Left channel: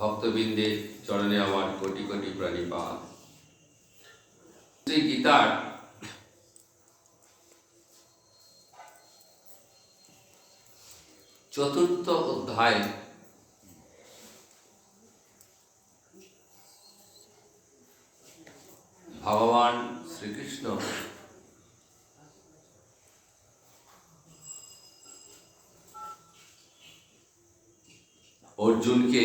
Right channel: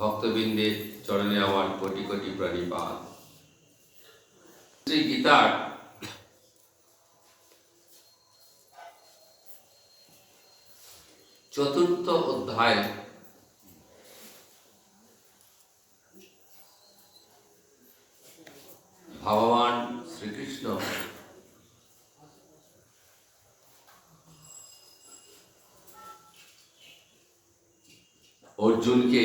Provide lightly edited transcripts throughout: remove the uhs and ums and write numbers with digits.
ভক্তবৃন্দের চরণে আমার কোটি কোটি প্রণিপাত। শ্রী গীতার চতুর্থ অধ্যায় ভগবান শ্রীকৃষ্ণ অর্জুনকে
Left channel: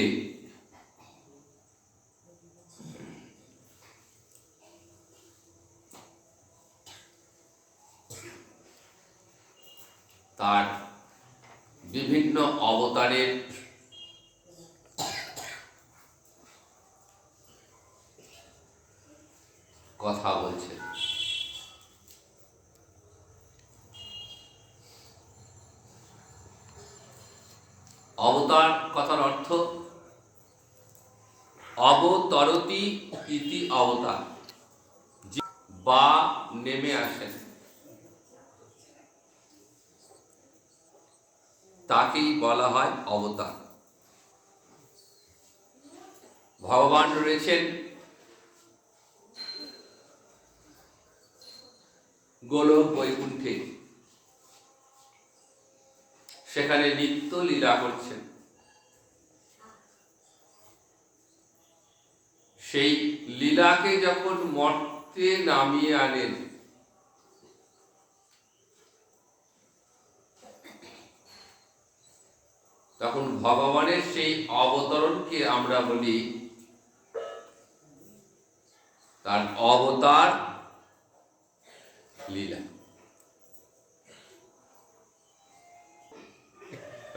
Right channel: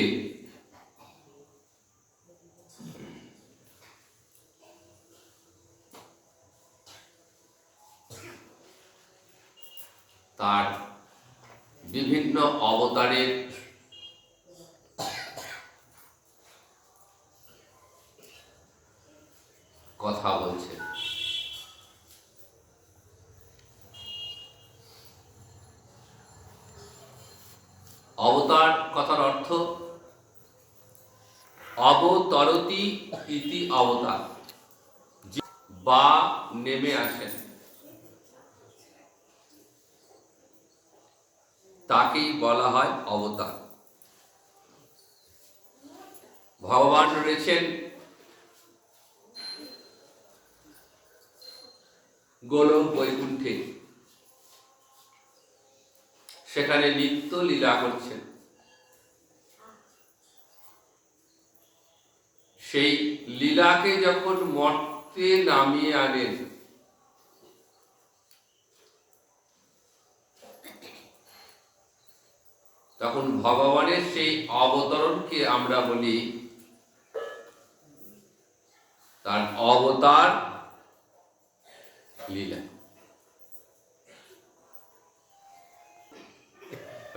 তার বিভিন্ন অবতারের কথা বলছেন। অবতার কথার অর্থ অবতরতি ইতি অবতার, বা নেমে আসেন, তাকেই বলা হয় অবতার। ভগবান রয়েছেন গোলক বৈকুণ্ঠে, সেখানে নিত্য লীলা করছেন। সেই লীলাকে যখন মর্তে নামিয়ে আনেন, তখন ভগবানের সেই অবতরণকে আমরা বলি তার অবতার লীলা।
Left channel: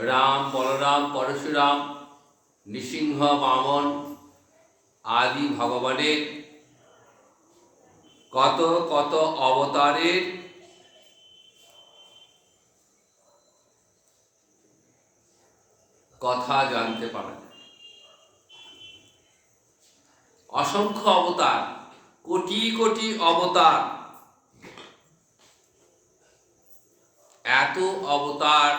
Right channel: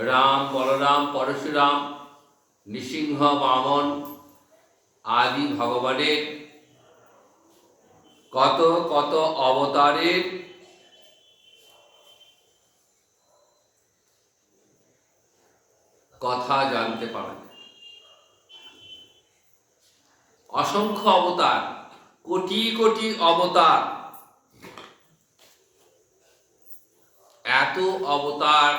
রাম, বলরাম, পরশুরাম, নৃসিংহ, বামন আদি ভগবানের কত কত অবতারের কথা জানতে পারেন। অসংখ্য অবতার, কোটি কোটি অবতার, এত অবতার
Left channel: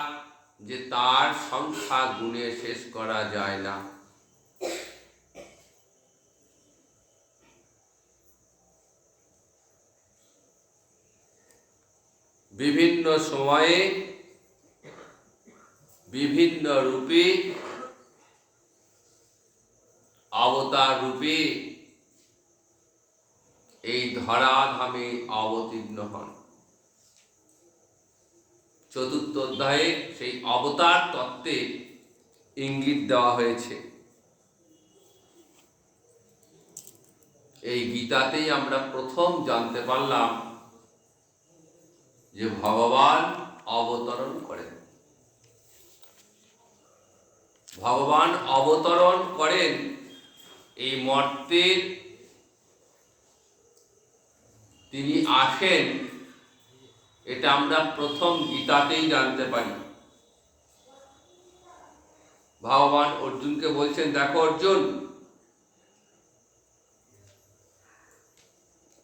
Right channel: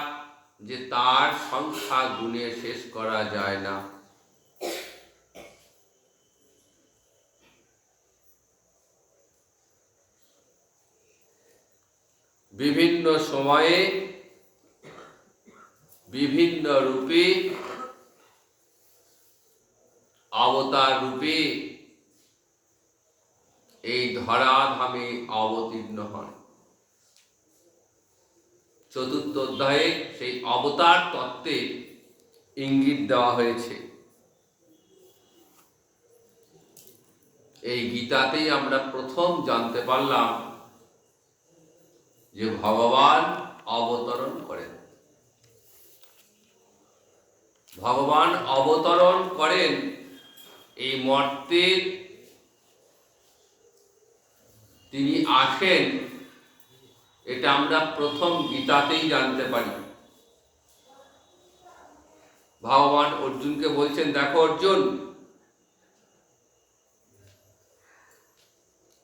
যে তার সংখ্যা গুণে শেষ করা যায় না। বিভিন্ন সময়ে বিভিন্ন রূপে অবতার রূপে এই ধরাধামে অবতীর্ণ হন। চতুর্থ অধ্যায়ে সেই অবতার তত্ত্বে ইঙ্গিত দেওয়া হয়েছে। এই গীতাতেই আমরা প্রথম জানতে পারলাম যে ভগবান অবতরণ করেন। ভগবান অবতরণ করেন এই মর্তে, তিনি আসেন, এটা আমরা প্রথম গীতাতেই জানতে পারি। ভগবান অর্জুনকে বলছেন, দেখো অর্জুন,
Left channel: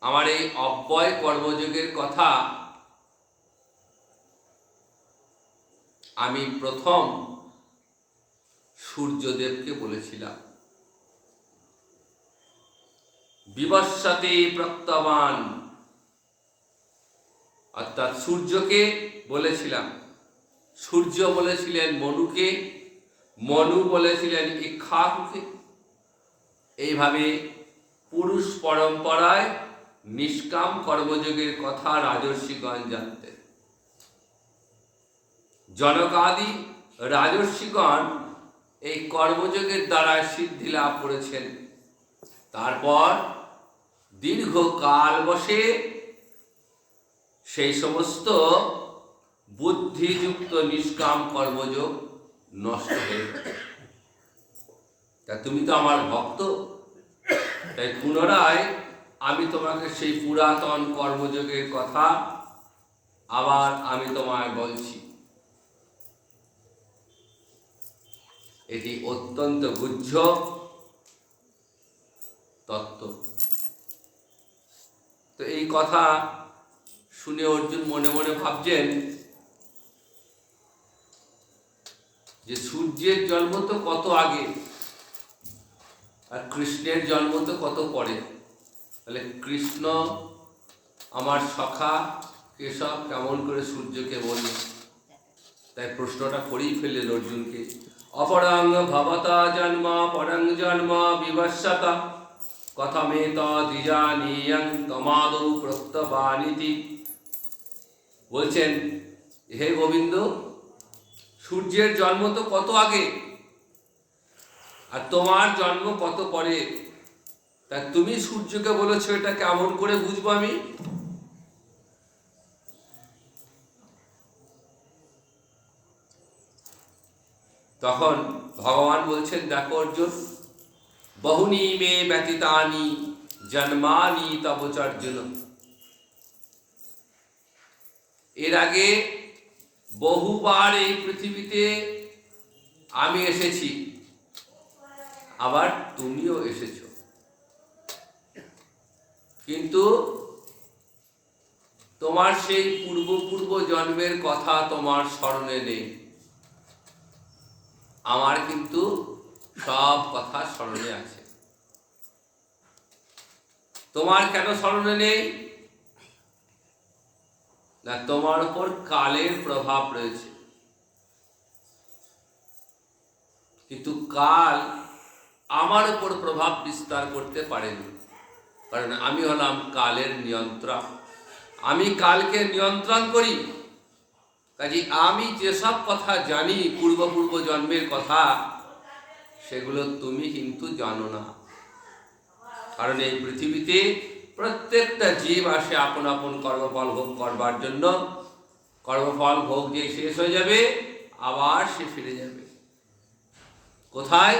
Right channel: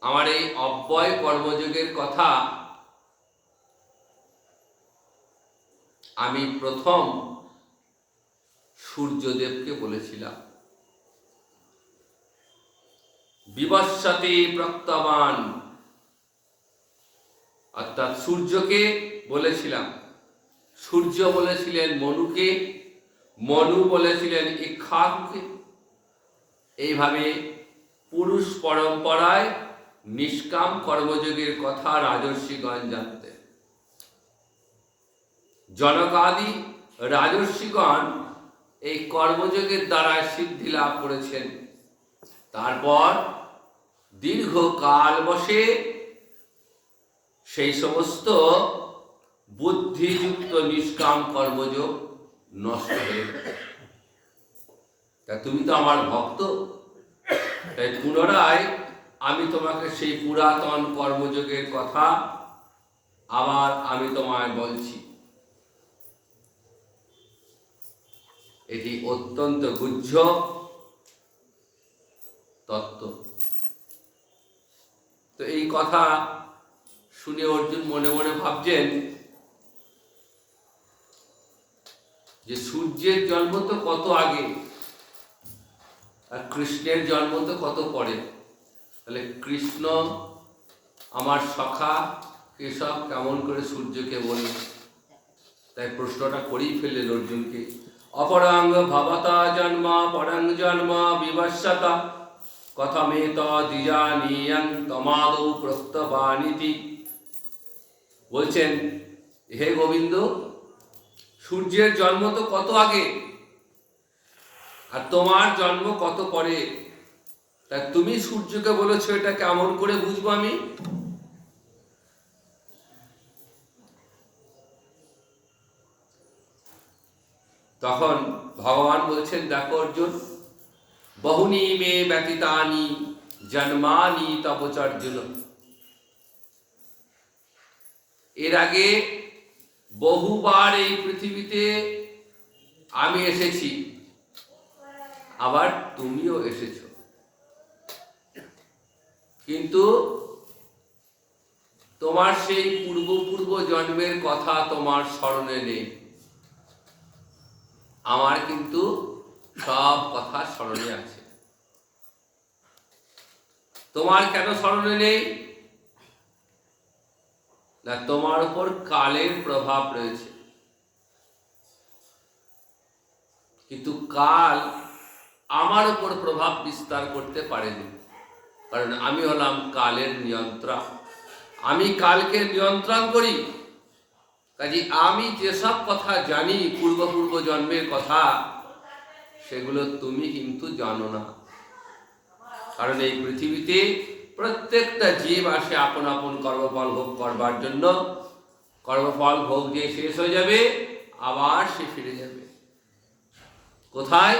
আমার এই অব্যয় কর্মযোগের কথা আমি প্রথম সূর্যদেবকে বলেছিলাম। বিবস্বতে প্রক্তবান, অর্থাৎ সূর্যকে বলেছিলাম। সূর্য বলেছিলেন মনুকে, মনু বলেছিলেন ইক্ষ্বাকুকে। এইভাবে পুরুষ পরম্পরায় নিষ্কাম কর্মযোগের কথা রাজর্ষিগণ জানতেন। জনকাদি রাজর্ষিগণ এই কর্মযোগের দ্বারা সিদ্ধি লাভ করেছেন। তারপর দীর্ঘকাল বসে সেই সমস্ত বুদ্ধিযুক্ত নিষ্কাম কর্মযোগ নষ্ট হয়ে গেছে। তা তুমি তো আমার ভক্ত, তাই পুনরায় আমি তোমাকে সেই পুরাতন কর্মযোগের কথা আবার আমি তোমায় বলছি। এটি অত্যন্ত গুহ্য তত্ত্ব। তো এই কথা শুনে অর্জুন মনে মনে ভাবছেন যে সূর্যের জন্ম তো কত আগে, আর কৃষ্ণের জন্ম তো কত পরে। তাহলে কৃষ্ণ আমার সখা কেশব কেমন করে সূর্যকে বলল? তাই প্রশ্নটা করেই ফেললেন অর্জুনকে। অপরাং ভবতা জন্ম পরাং জন্ম বিবস্বতা কথামেতদিজানীয়ং তমাদৌ প্রত্যবানিতি। বলছেন, হে গোবিন্দ, সূর্যের জন্ম তো কত আগে, আর তোমার জন্ম কত পরে। তা তুমি সূর্যকে বলেছো, এটা কেমন করে বুঝবো আমি? তখন ভগবান বলছেন, দেখো অর্জুন, বহুনি মে ব্যতীতানি জন্মানি তব চার্জুন। এর আগে বহুবার এই পৃথিবীতে আমি এসেছি, আবার তুমিও এসেছো, কিন্তু তোমার সেই পূর্ব জন্মের কথা তোমার স্মরণে নেই। আমার কিন্তু সব কথা স্মরণে আছে। তোমার কেন স্মরণে নেই? না, তোমার উপর কালের প্রভাব রয়েছে। কিন্তু কাল আমার উপর প্রভাব বিস্তার করতে পারেনি, কারণ আমি হলাম কালের নিয়ন্ত্রক। আমি কালকে নিয়ন্ত্রণ করি। কাজে আমি যেসব কথা জানি পূর্ব জন্মের কথা, সেগুলো তুমি কিন্তু জানো না। কারণ এই পৃথিবীতে প্রত্যেকটা জীব আসে আপন আপন কর্মফল ভোগ করবার জন্য। কর্মফল ভোগ দিয়ে শেষ হয়ে যাবে, আবার সে ফিরে যাবে কোথায়?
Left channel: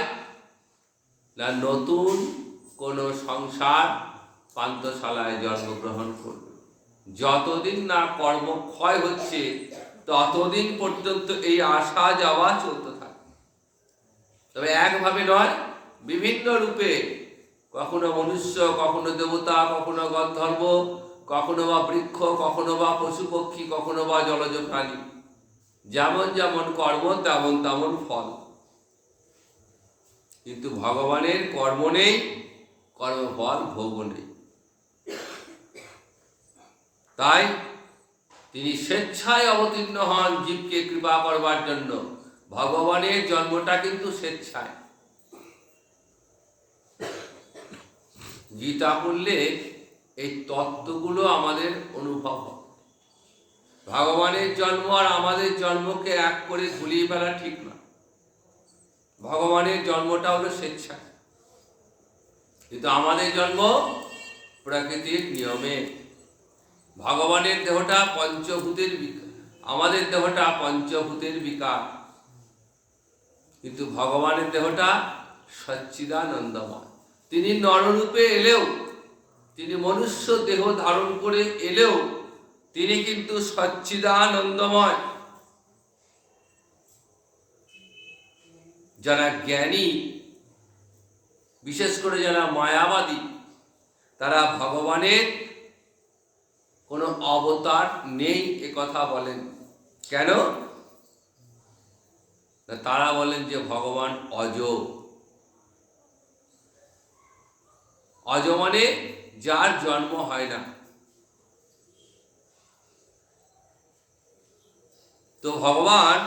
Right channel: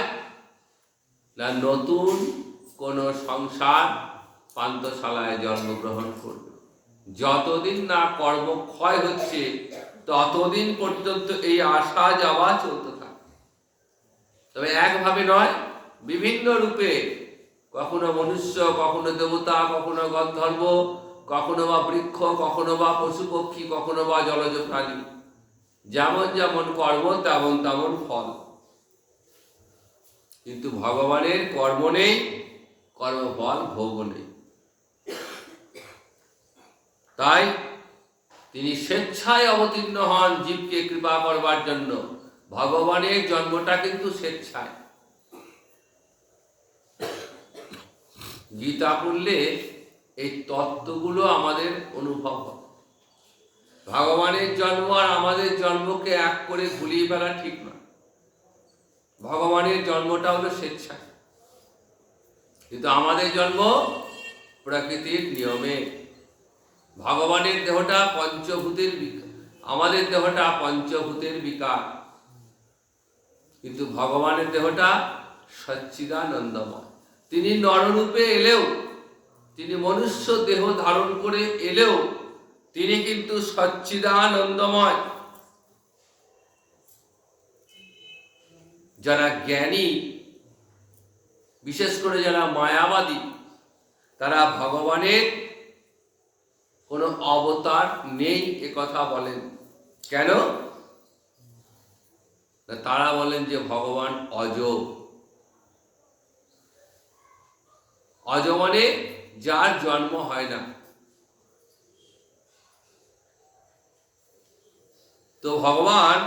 না, নতুন কোন সংসার পান্থশালায় জন্মগ্রহণ করবে। যতদিন না কর্ম ক্ষয় হচ্ছে, ততদিন পর্যন্ত এই আসা যাওয়া চলতে থাকে। তবে একভাবে নয়, বিভিন্ন রূপে, কখনো মনুষ্য, কখনো দেবতা, কখনো গন্ধর্ব, কখনো বা বৃক্ষ, কখনো বা পশু পক্ষী, কখনো বা জলজ প্রাণী। যেমন যেমন কর্ম তেমন তেমন ফল। কিন্তু ভগবানের কর্ম নেই, কর্মফল ভোগ নেই। তাই তিনি স্বেচ্ছায় অবতীর্ণ হন জীবকে কৃপা করবার জন্য। ভগবানের জন্মটা কিন্তু স্বেচ্ছায়। গীতা পড়লে এই তত্ত্বগুলো আমাদের অনুভব হয়। ভগবানের জন্ম আর আমাদের জন্মকে এক করে ভুলিয়ে ফেলা ঠিক না। ভগবানের জন্মটা হলো স্বেচ্ছায়, কিন্তু আমাদের জন্ম প্রকৃতির নিয়মে। ভগবানের দেহটা পঞ্চভূতের বিকার, আমাদের দেহটা পঞ্চভূতের বিকার, কিন্তু ভগবানের দেহটা সচ্চিদানন্দময়। তিনি নররূপে এলেও, তিনি মনুষ্য দেহ ধারণ করে এলেও, তিনি কিন্তু সচ্চিদানন্দময়। যারা জ্ঞানী, বিশেষ করে যারা মায়াবাদী, তারা ভগবানের কোনো অবতার নেই এ কথা বলেন। কেন? তারা বলেন যে ভগবান অজ। অজ মানে যার জন্ম হয় না। তো ভগবান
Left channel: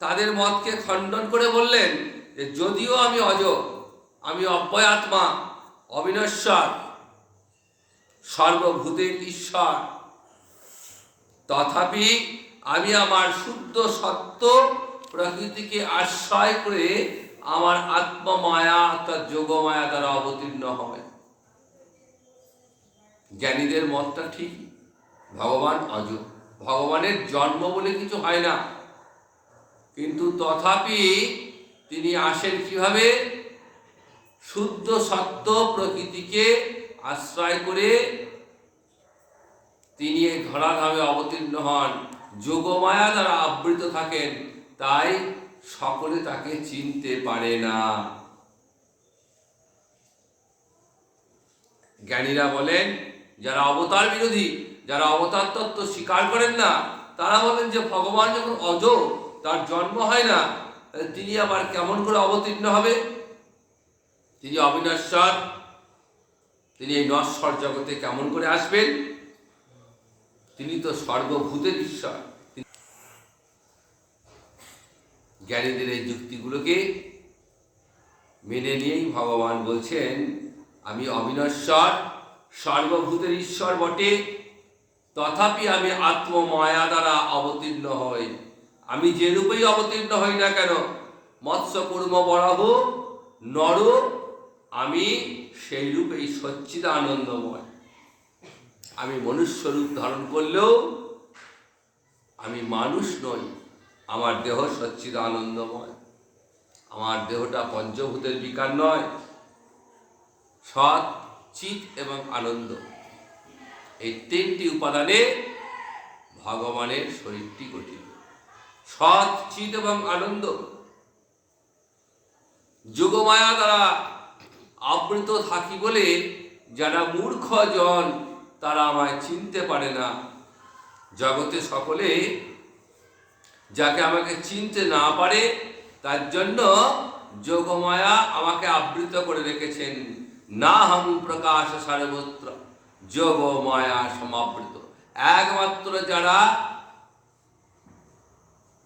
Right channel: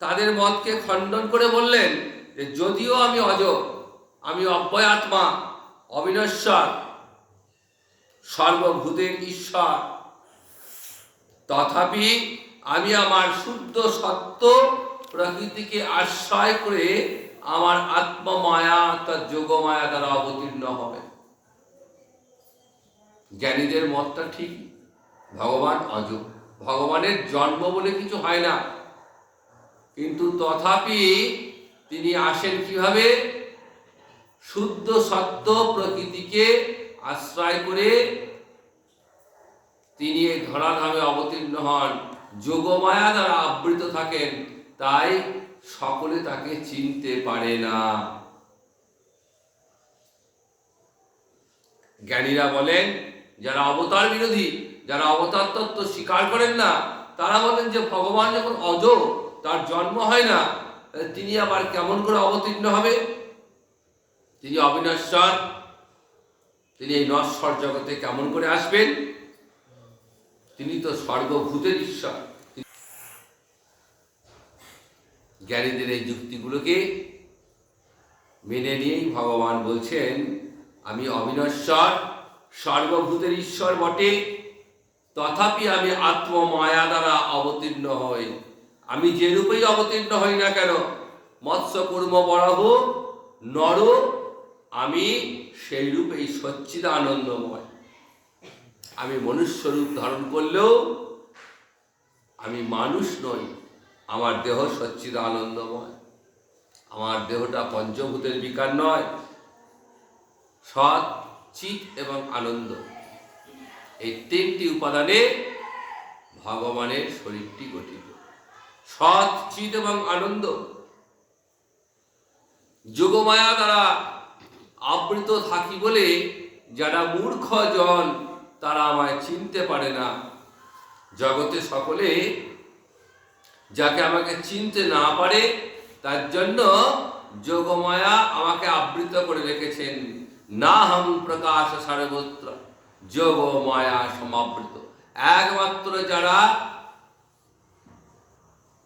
তাদের মতকে খণ্ডন করে বললেন যে যদিও আমি অজ, আমি অব্যয় আত্মা, অবিনশ্বর, সর্বভূতের ঈশ্বর, তথাপি আমি আমার শুদ্ধ সত্য প্রকৃতিকে আশ্রয় করে আমার আত্মমায়া অর্থাৎ যোগমায়া দ্বারা অবতীর্ণ হবে। জ্ঞানীদের মতটা ঠিক, ভগবান অজ, ভগবানের জন্ম বলে কিছু হয় না। কিন্তু তথাপি তিনি আসেন কিভাবে? শুদ্ধ সত্য প্রকৃতিকে আশ্রয় করে তিনি এই ধরাধামে অবতীর্ণ হন, যোগমায়া দ্বারা আবৃত থাকেন। তাই সকলে তাকে চিনতে পারে না। জ্ঞানীরা বলেন, যারা অবতার বিরোধী, যারা অবতার তত্ত্ব স্বীকার করেন না, তারা বলেন যে ভগবান যখন অজ, তার জন্ম হয় না, তিনি আবার কেমন করে অবতীর্ণ হবে? তিনি অবিনশ্বর, তিনি এই নশ্বর জগতে কেমন করে আসবেন? তিনি তো সর্বভূতের ঈশ্বর। জ্ঞানীদের এই যুক্তিগুলোকে মেনে নিয়েই ভগবান বলছেন, আমি অবিনশ্বর, সর্বভূতের ঈশ্বর বটে, তথাপি আমি আত্মমায়া দ্বারা অবতীর্ণ হই। আমি যে রূপেই অবতীর্ণ হই না কেন, মৎস্য কুর্ম বরাহ নর, আমি সেই রূপেই সচ্চিদানন্দময়। আমি মনুষ্য রূপ ধারণ করলেও আমি মানুষ নই, আমার দেহ সচ্চিদানন্দময়। আমার দেহটা পঞ্চভূতের বিকার নয়, সৎ, চিৎ এবং আনন্দ, এই তিনটি উপাদানে ভগবানের শরীরটি গঠিত। সৎ, চিৎ এবং আনন্দ। যোগমায়া দ্বারা আবৃত থাকি বলে যারা মূর্খ জন তারা আমায় চিনতে পারে না। জগতে সকলে যাকে আমাকে চিনতে না পারে তার জন্য যোগমায়া আমাকে আবৃত করে রেখেছেন। না হম প্রকাশ সর্বত্র যোগমায়া সমাবৃত। একমাত্র যারা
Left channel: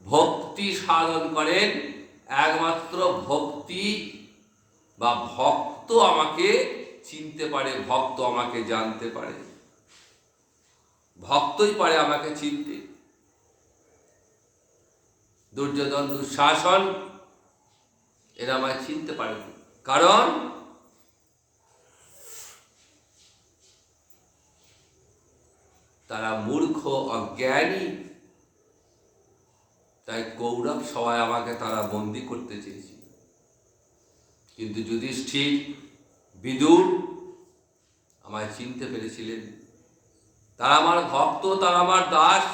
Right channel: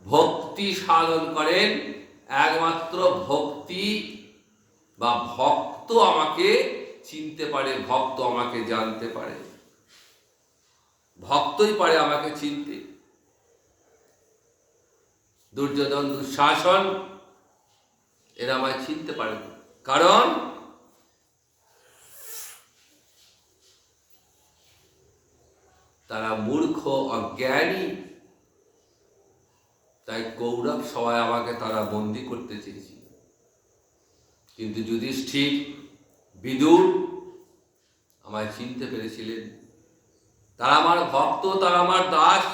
ভক্তি সাধন করেন, একমাত্র ভক্তি বা ভক্ত আমাকে চিনতে পারে, ভক্ত আমাকে জানতে পারে, ভক্তই পারে আমাকে চিনতে। দুর্যোধন, দুঃশাসন এরা আমায় চিনতে পারে, কারণ তারা মূর্খ, অজ্ঞানী। তাই কৌরব সবাই আমাকে তারা বন্দী করতে চেয়েছিল, কিন্তু যুধিষ্ঠির, বিদুর আমায় চিনতে পেরেছিলেন। তারা আমার ভক্ত, তারা আমার দাস,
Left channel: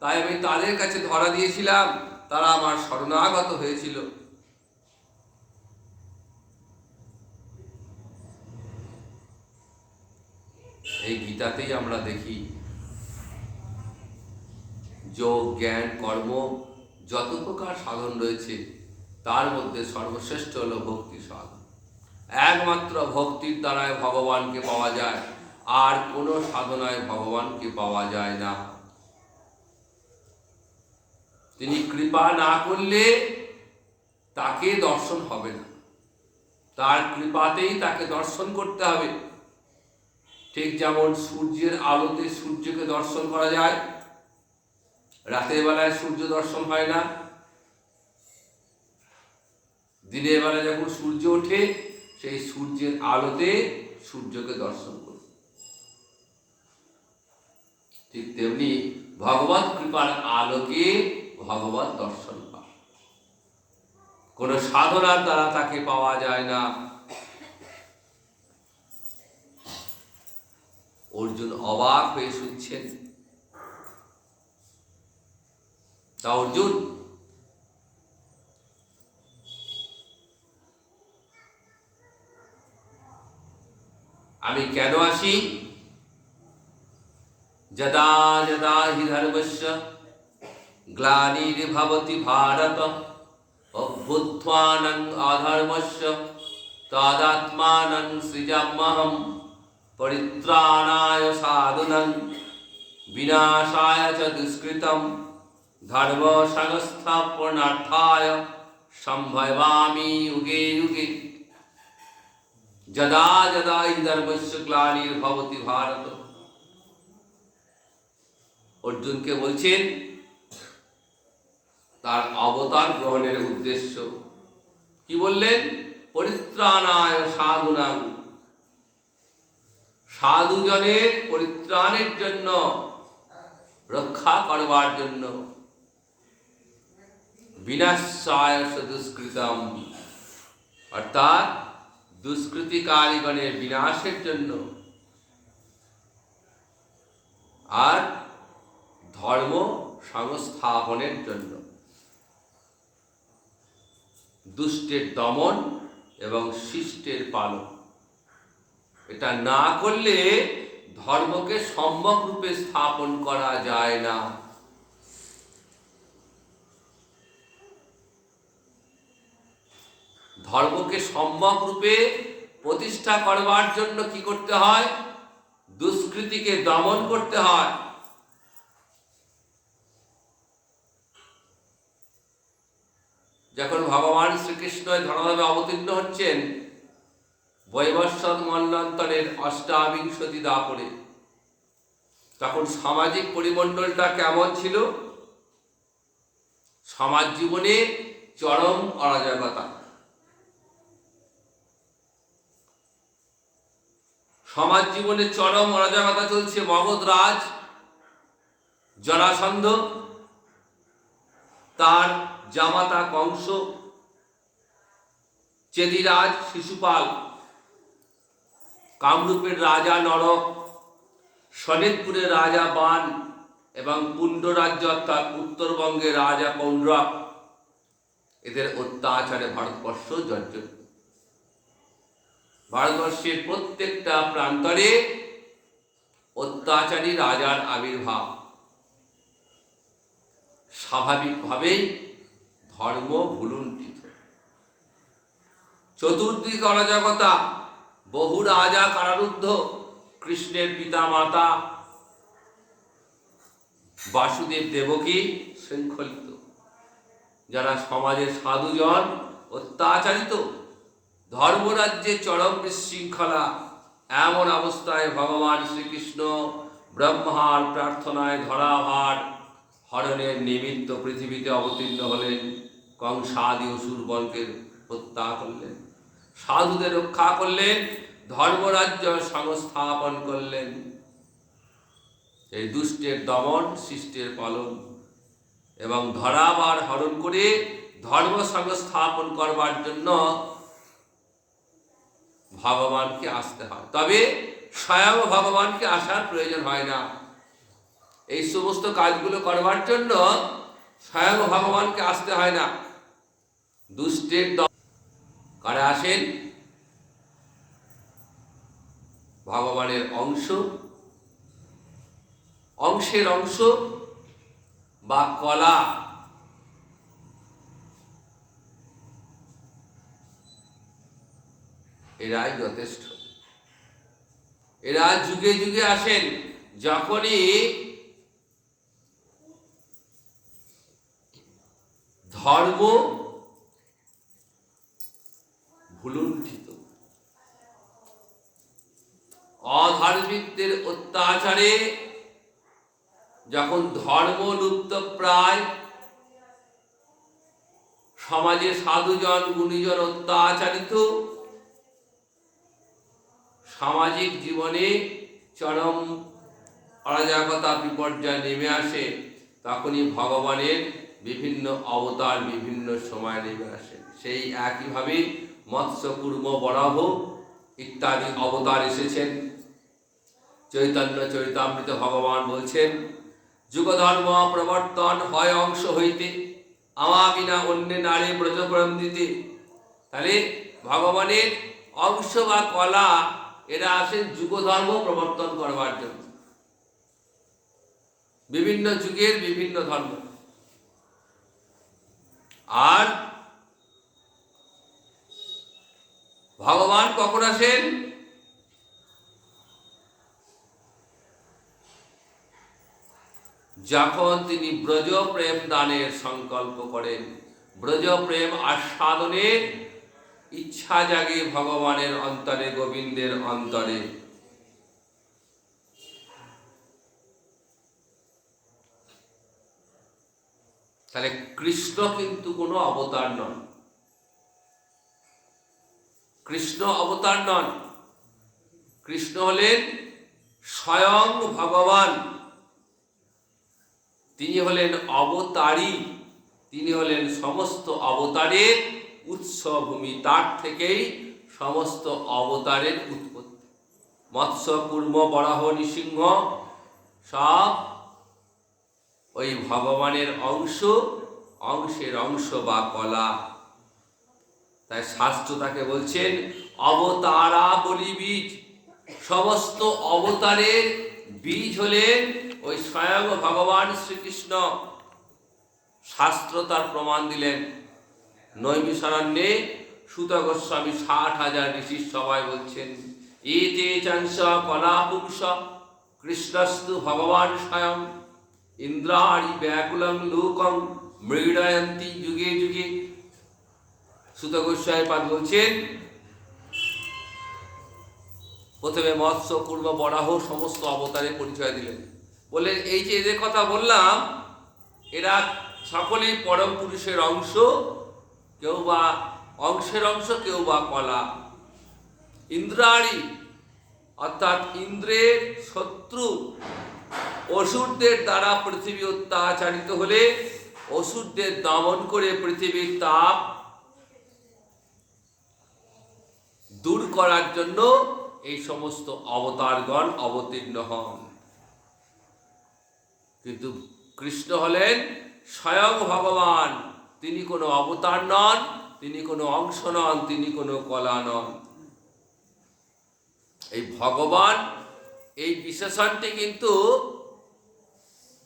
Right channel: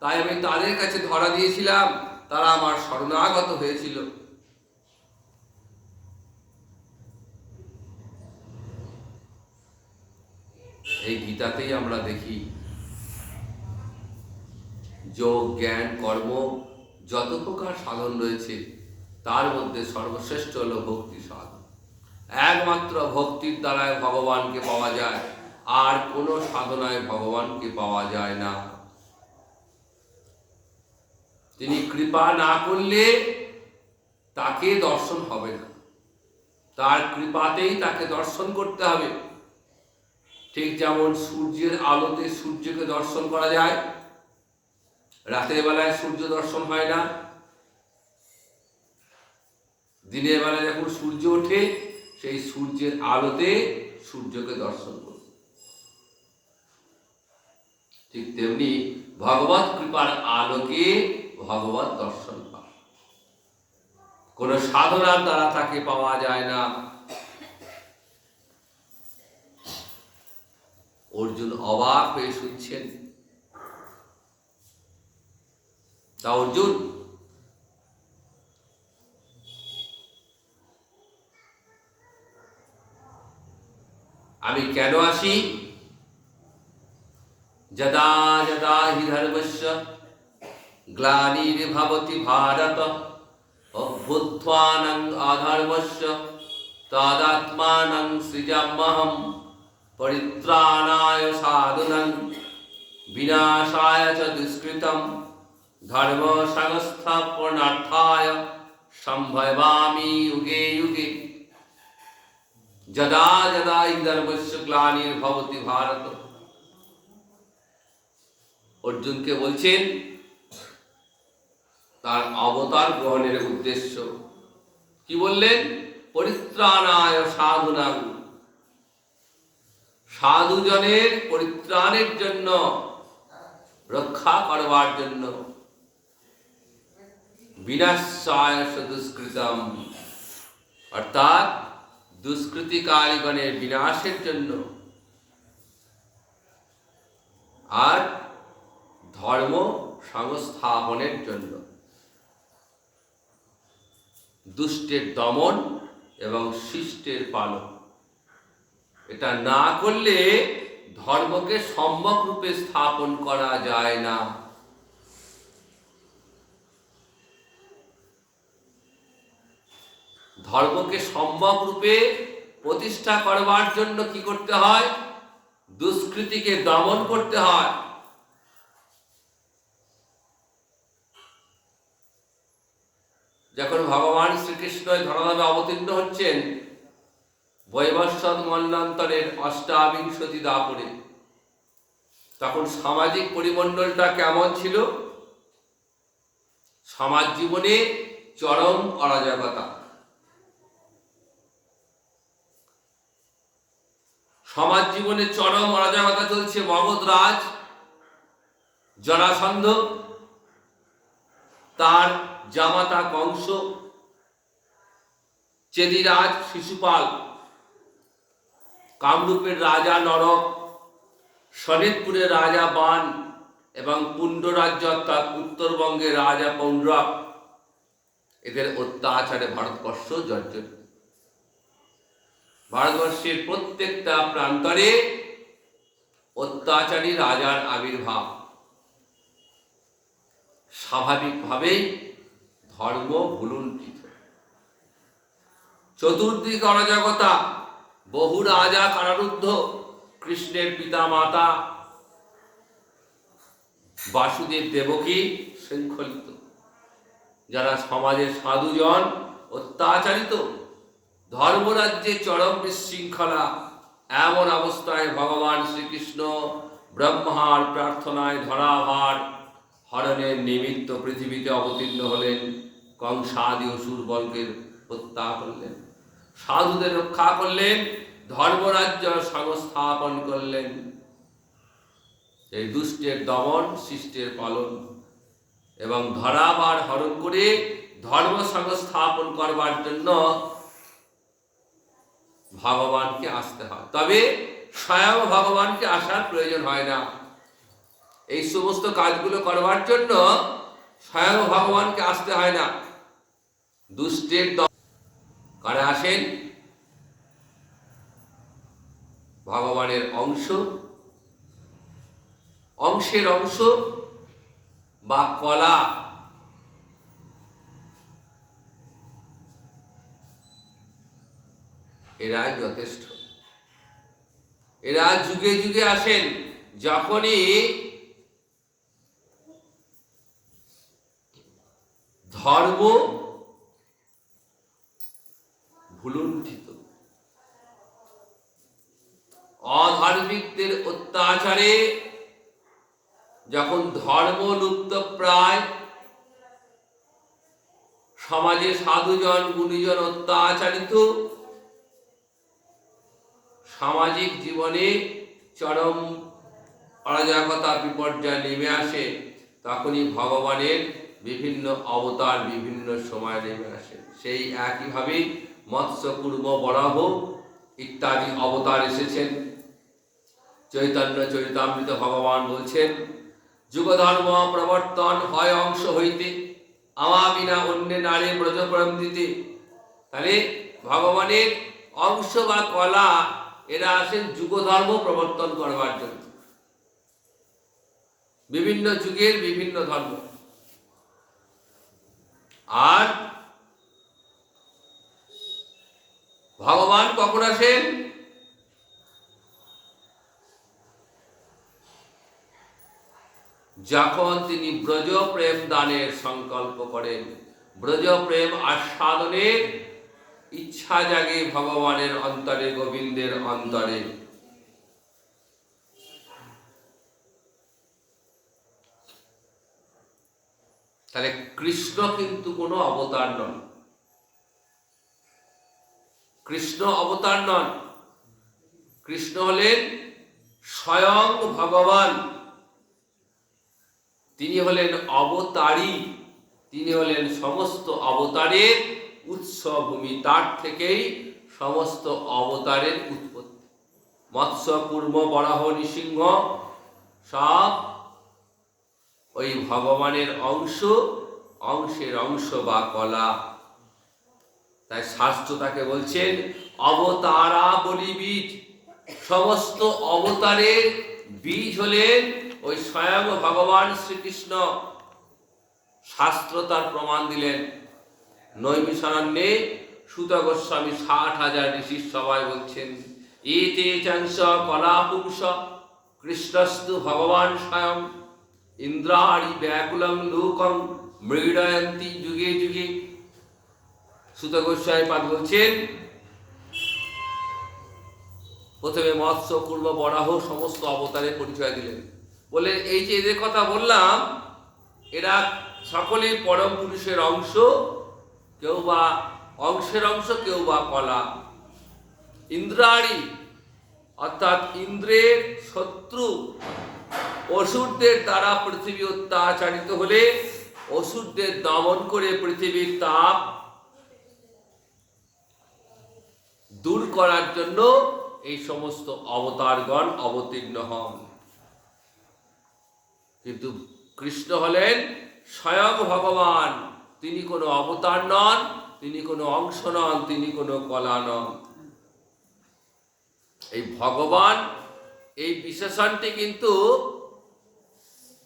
তাই আমি তাদের কাছে ধরা দিয়েছিলাম, তারা আমার শরণাগত হয়েছিল। এই গীতাতেই আমরা দেখি যোগ, জ্ঞান, কর্ম যত প্রকার সাধন রয়েছে তার মধ্যে সর্বশ্রেষ্ঠ হল ভক্তি সাধন। একমাত্র ভক্তির দ্বারায় ভগবানকে পাওয়া যায়, আর কোনো সাধনায় ভগবানকে পাওয়া যায় না। তিনি কৃপা না করলে তাকে দর্শন হবে না, তার কৃপাতেই তাকে দর্শন করতে হবে। ঠিক যেমন সূর্যের আলোতে সূর্যকে দর্শন করা যায়, রাতের বেলায় সূর্য দর্শন হয় না, দিনের বেলায় যখন সূর্য ওঠে সেই সূর্যের আলোতে সূর্যকে দর্শন করি। ঠিক তেমনি ভগবত কৃপার আলোকে ভগবত দর্শন পায়। কোন সাধনার দ্বারা তাকে পাওয়া যায় না। অর্জুন অবাক হয়ে শুনছেন। তা অর্জুন, আমি কেন আসি? যদা যদা হি ধর্মস্য গ্লানির্ভবতি ভারত অভ্যুত্থানং অধর্মস্য তদাত্মানং সৃজাম্যহং পরিত্রাণায় সাধুনাং বিনাশায় চ দুষ্কৃতম ধর্ম সংস্থাপনার্থায় সম্ভবামি যুগে যুগে। যদা যদা হি ধর্মস্য গ্লানির্ভবতি ভারত। অর্জুনকে বলছেন তার অবতার গ্রহণের উদ্দেশ্য কি বললেন? পরিত্রাণায় সাধুনাং, সাধুজনের পরিত্রাণের জন্য, রক্ষা করবার জন্য, বিনাশায় দুষ্কৃতম, অর্থাৎ দুষ্কৃতিকারীগণের বিনাশের জন্য, আর ধর্ম সংস্থাপনের জন্য, দুষ্টের দমন এবং শিষ্টের পালন। এটা না করলে ধর্মকে সম্যক রূপে স্থাপন করা যায় না। ধর্মকে সম্যক রূপে প্রতিষ্ঠা করবার জন্য কি করতে হয়? দুষ্কৃতিকে দমন করতে হয়। যখন ভগবান শ্রীকৃষ্ণ ধরাধামে অবতীর্ণ হচ্ছেন বৈবস্বত মন্বন্তরের অষ্টাবিংশতি দাপরে, তখন সামাজিক পরিমণ্ডলটা কেমন ছিল? সমাজ জীবনে চরম অরাজকতা। সমাজ জীবনে চরম অরাজকতা চলছে। মগধরাজ জরাসন্ধ, তার জামাতা কংস, চেদিরাজ শিশুপাল, কামরূপের রাজা নরক, শোনিতপুরের রাজা বান এবং পুণ্ডরাজ্য অর্থাৎ উত্তরবঙ্গের রাজা পৌণ্ড্রক, এদের অত্যাচারে ভারতবর্ষ জর্জরিত। ভারতবর্ষের প্রত্যেকটা প্রান্তরে অত্যাচারী রাজার আবির্ভাব। স্বাভাবিকভাবেই ধর্ম ভুলুণ্ঠিত। চতুর্দিক অরাজকতা, বহু রাজা কারারুদ্ধ, কৃষ্ণের পিতা মাতা বাসুদেব দেবকী শৃঙ্খলিত, যারা সমাজের সাধুজন অত্যাচারিত, ধর্মরাজ্যে চরম বিশৃঙ্খলা। এমন অবস্থায় ভগবান শ্রীকৃষ্ণ ব্রহ্মার প্রার্থনায় ধরাভার হরণের নিমিত্ত পৃথিবীতে অবতীর্ণ হলেন। কংসাদি অসুরবর্গের হত্যা করলেন, সাধুদের রক্ষা করলেন, ধর্মরাজ্য সংস্থাপন করলেন। এই দুষ্টের দমন, শিষ্টের পালন এবং ধরাভার হরণ করে ধর্ম সংস্থাপন করবার জন্য ভগবানকে আসতে হয়। তবে স্বয়ং ভগবানকে আসার প্রয়োজন হয় না। এই সমস্ত কাজগুলো করবার জন্য স্বয়ং ভগবানকে আসতে হয় না। দুষ্টের কারা আসেন? ভগবানের অংশ, অংশের অংশ বা কলা, এরাই যথেষ্ট। এরা যুগে যুগে আসেন। যখনই ধর্ম ভুলুণ্ঠিত, অধার্মিকদের অত্যাচারে যখন ধর্ম লুপ্ত প্রায়, সমাজে সাধুজন গুণীজন অত্যাচারিত, সামাজিক জীবনে চরম অরাজকতা বিপর্যয় নেমে আসে, তখনই ভগবানের বিভিন্ন অবতার বিভিন্ন সময় নেমে আসে। সেই একইভাবে মৎস্য, কূর্ম, বরাহ ইত্যাদি অবতার এসেছেন। চৈতন্য চরিতামৃত ভগবান বলছেন, যুগধর্ম প্রবর্তন হয় অংশ হইতে, আমা বিনা অন্য নারী ব্রজপ্রম দিতে। তাহলে ভগবানের অংশ বা কলা, এরা আসেন যুগধর্ম প্রবর্তন করবার জন্য। বিভিন্ন যুগের বিভিন্ন ধর্ম। আর ভগবান কখন আসেন? যখন তিনি ব্রজ প্রেম দানের সংকল্প করেন, ব্রজ প্রেম আস্বাদনের ইচ্ছা জাগে ভগবানের অন্তরে, গোবিন্দের অন্তরে। তাহলে কৃষ্ণ কিন্তু কোনো অবতার নন। কৃষ্ণ অবতার নন। কৃষ্ণ হলেন স্বয়ং ভগবান। তিনি হলেন অবতারী। তিনি হলেন সমস্ত অবতারের উৎসভূমি। তার থেকেই সমস্ত অবতারের উৎপত্তি। মৎস্য, কূর্ম, বরাহ, নৃসিংহ সব ওই ভগবানের অংশ, অংশের অংশ বা কলা। তাই শাস্ত্র তাকে বলছেন অবতারা বলি বীজ। সমস্ত অবতারের বীজ হলেন ওই স্বয়ং ভগবান শ্রীকৃষ্ণ। শাস্ত্র তার প্রমাণ দিলেন। নৈমিষারণ্যে সুত গোস্বামী 60,000 ঋষির সবাই বলছেন, এতে চাংস কলা পুংস কৃষ্ণস্তু ভগবান স্বয়ং ইন্দ্রাণি ব্যাকুলং লোকং মৃডয়ন্তি যুগে যুগে। সুত গোস্বামী পাঠ বলছেন, প্রথমে মৎস্য পূর্ব বরাহ সমস্ত অবতারের পরিচয় দিলেন। বললেন এই যে এদের কথা বললাম, এরা সকলেই পরম পুরুষের অংশ, কেউ বা অংশের অংশ, কেউ বা কলা। ইন্দ্রাণী অর্থাৎ ইন্দ্রের শত্রু অসুরদের দ্বারা পৃথিবী অত্যাচারিত হলে অসুরদের দমন করে পৃথিবীর তাপ দূর করার জন্য এই সমস্ত অবতারগণ অবতীর্ণ হন। কিন্তু কৃষ্ণ হলেন স্বয়ং ভগবান, তিনি কোনো অবতার নন, তিনি কোনো অংশ নন, তিনি কোনো কলা নন। এই ভগবান এই বিশেষণটি কিন্তু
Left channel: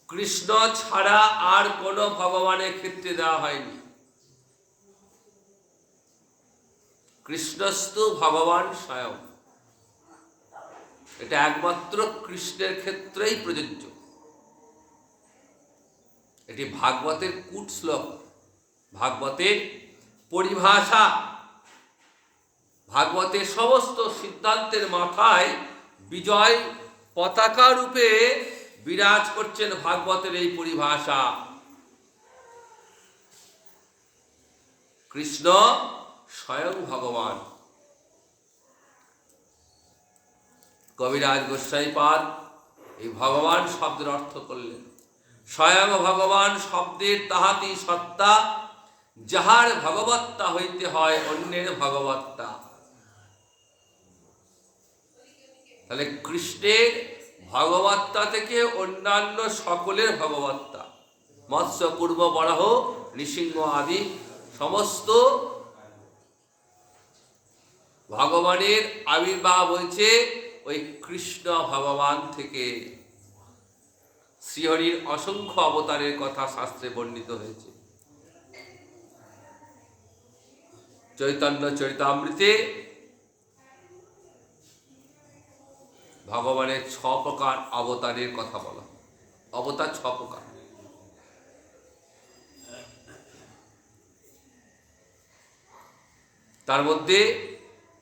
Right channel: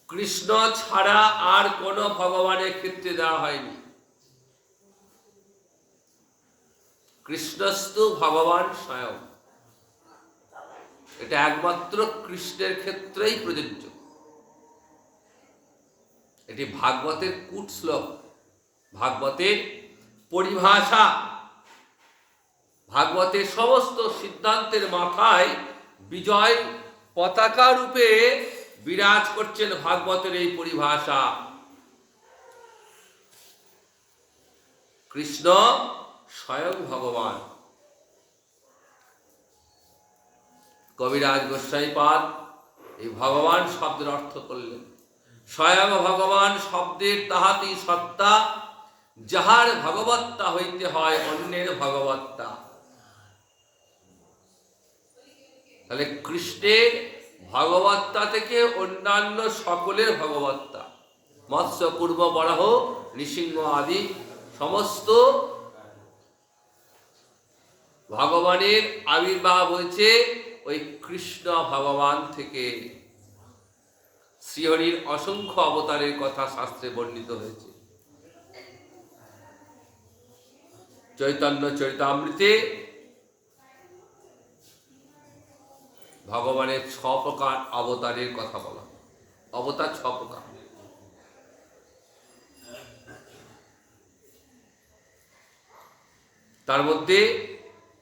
কৃষ্ণ ছাড়া আর কোনো ভগবানের ক্ষেত্রে দেওয়া হয়নি। কৃষ্ণস্তু ভগবান স্বয়ং, এটা একমাত্র কৃষ্ণের ক্ষেত্রেই প্রযোজ্য। এটি ভাগবতের কূট শ্লোক, ভাগবতের পরিভাষা। ভাগবতের সমস্ত সিদ্ধান্তের মাথায় বিজয় পতাকা রূপে বিরাজ করছেন ভাগবতের এই পরিভাষা। কৃষ্ণ স্বয়ং ভগবান। কবিরাজ গোস্বাইপাদ এই ভগবান শব্দের অর্থ করলেন, স্বয়ং ভগবান শব্দের তাহাতি সত্তা, যাহার ভগবত্তা হইতে হয় অন্যের ভগবত্তা। তাহলে কৃষ্ণের ভগবত্তা থেকে অন্যান্য সকলের ভগবত্তা। মৎস্য পূর্ব বরাহ নৃসিংহ আদি সমস্ত ভগবানের আবির্ভাব হয়েছে ওই কৃষ্ণ ভগবান থেকে। শ্রীহরির অসংখ্য অবতারের কথা শাস্ত্রে বর্ণিত হয়েছে। চৈতন্য চরিতামৃতে ভগবানের 6 প্রকার অবতারের কথা বলা। অবতার 6 প্রকার। তার মধ্যে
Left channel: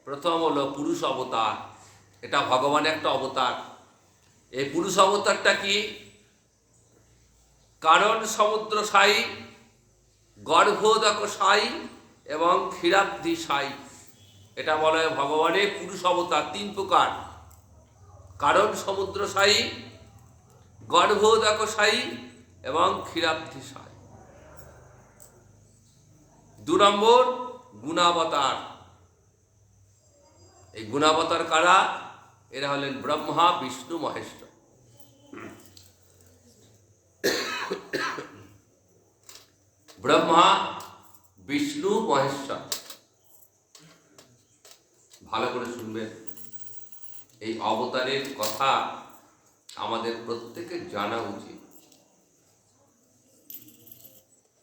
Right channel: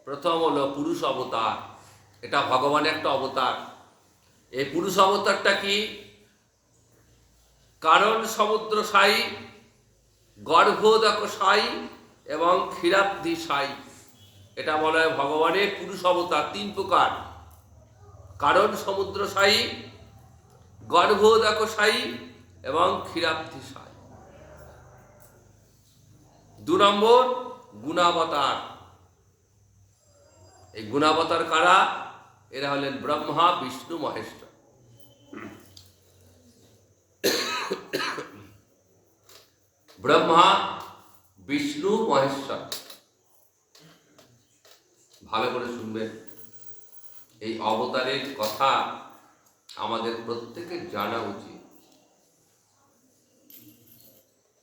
প্রথম হলো পুরুষ অবতার। এটা ভগবানের একটা অবতার। এই পুরুষ অবতারটা কি? কারণ সমুদ্র সাই, গর্ভোদক সাই এবং ক্ষীরাব্ধি সাই, এটা বলা হয় ভগবানের পুরুষ অবতার। 3 প্রকার: কারণ সমুদ্র সাই, গর্ভোদক সাই এবং ক্ষীরাব্ধি সাই। 2 নম্বর গুণাবতার। এই গুণাবতার কারা? এরা হলেন ব্রহ্মা, বিষ্ণু, মহেশ্বর। ব্রহ্মা, বিষ্ণু, মহেশ্বর। ভালো করে শুনবেন, এই অবতারের কথা আমাদের প্রত্যেকের জানা উচিত।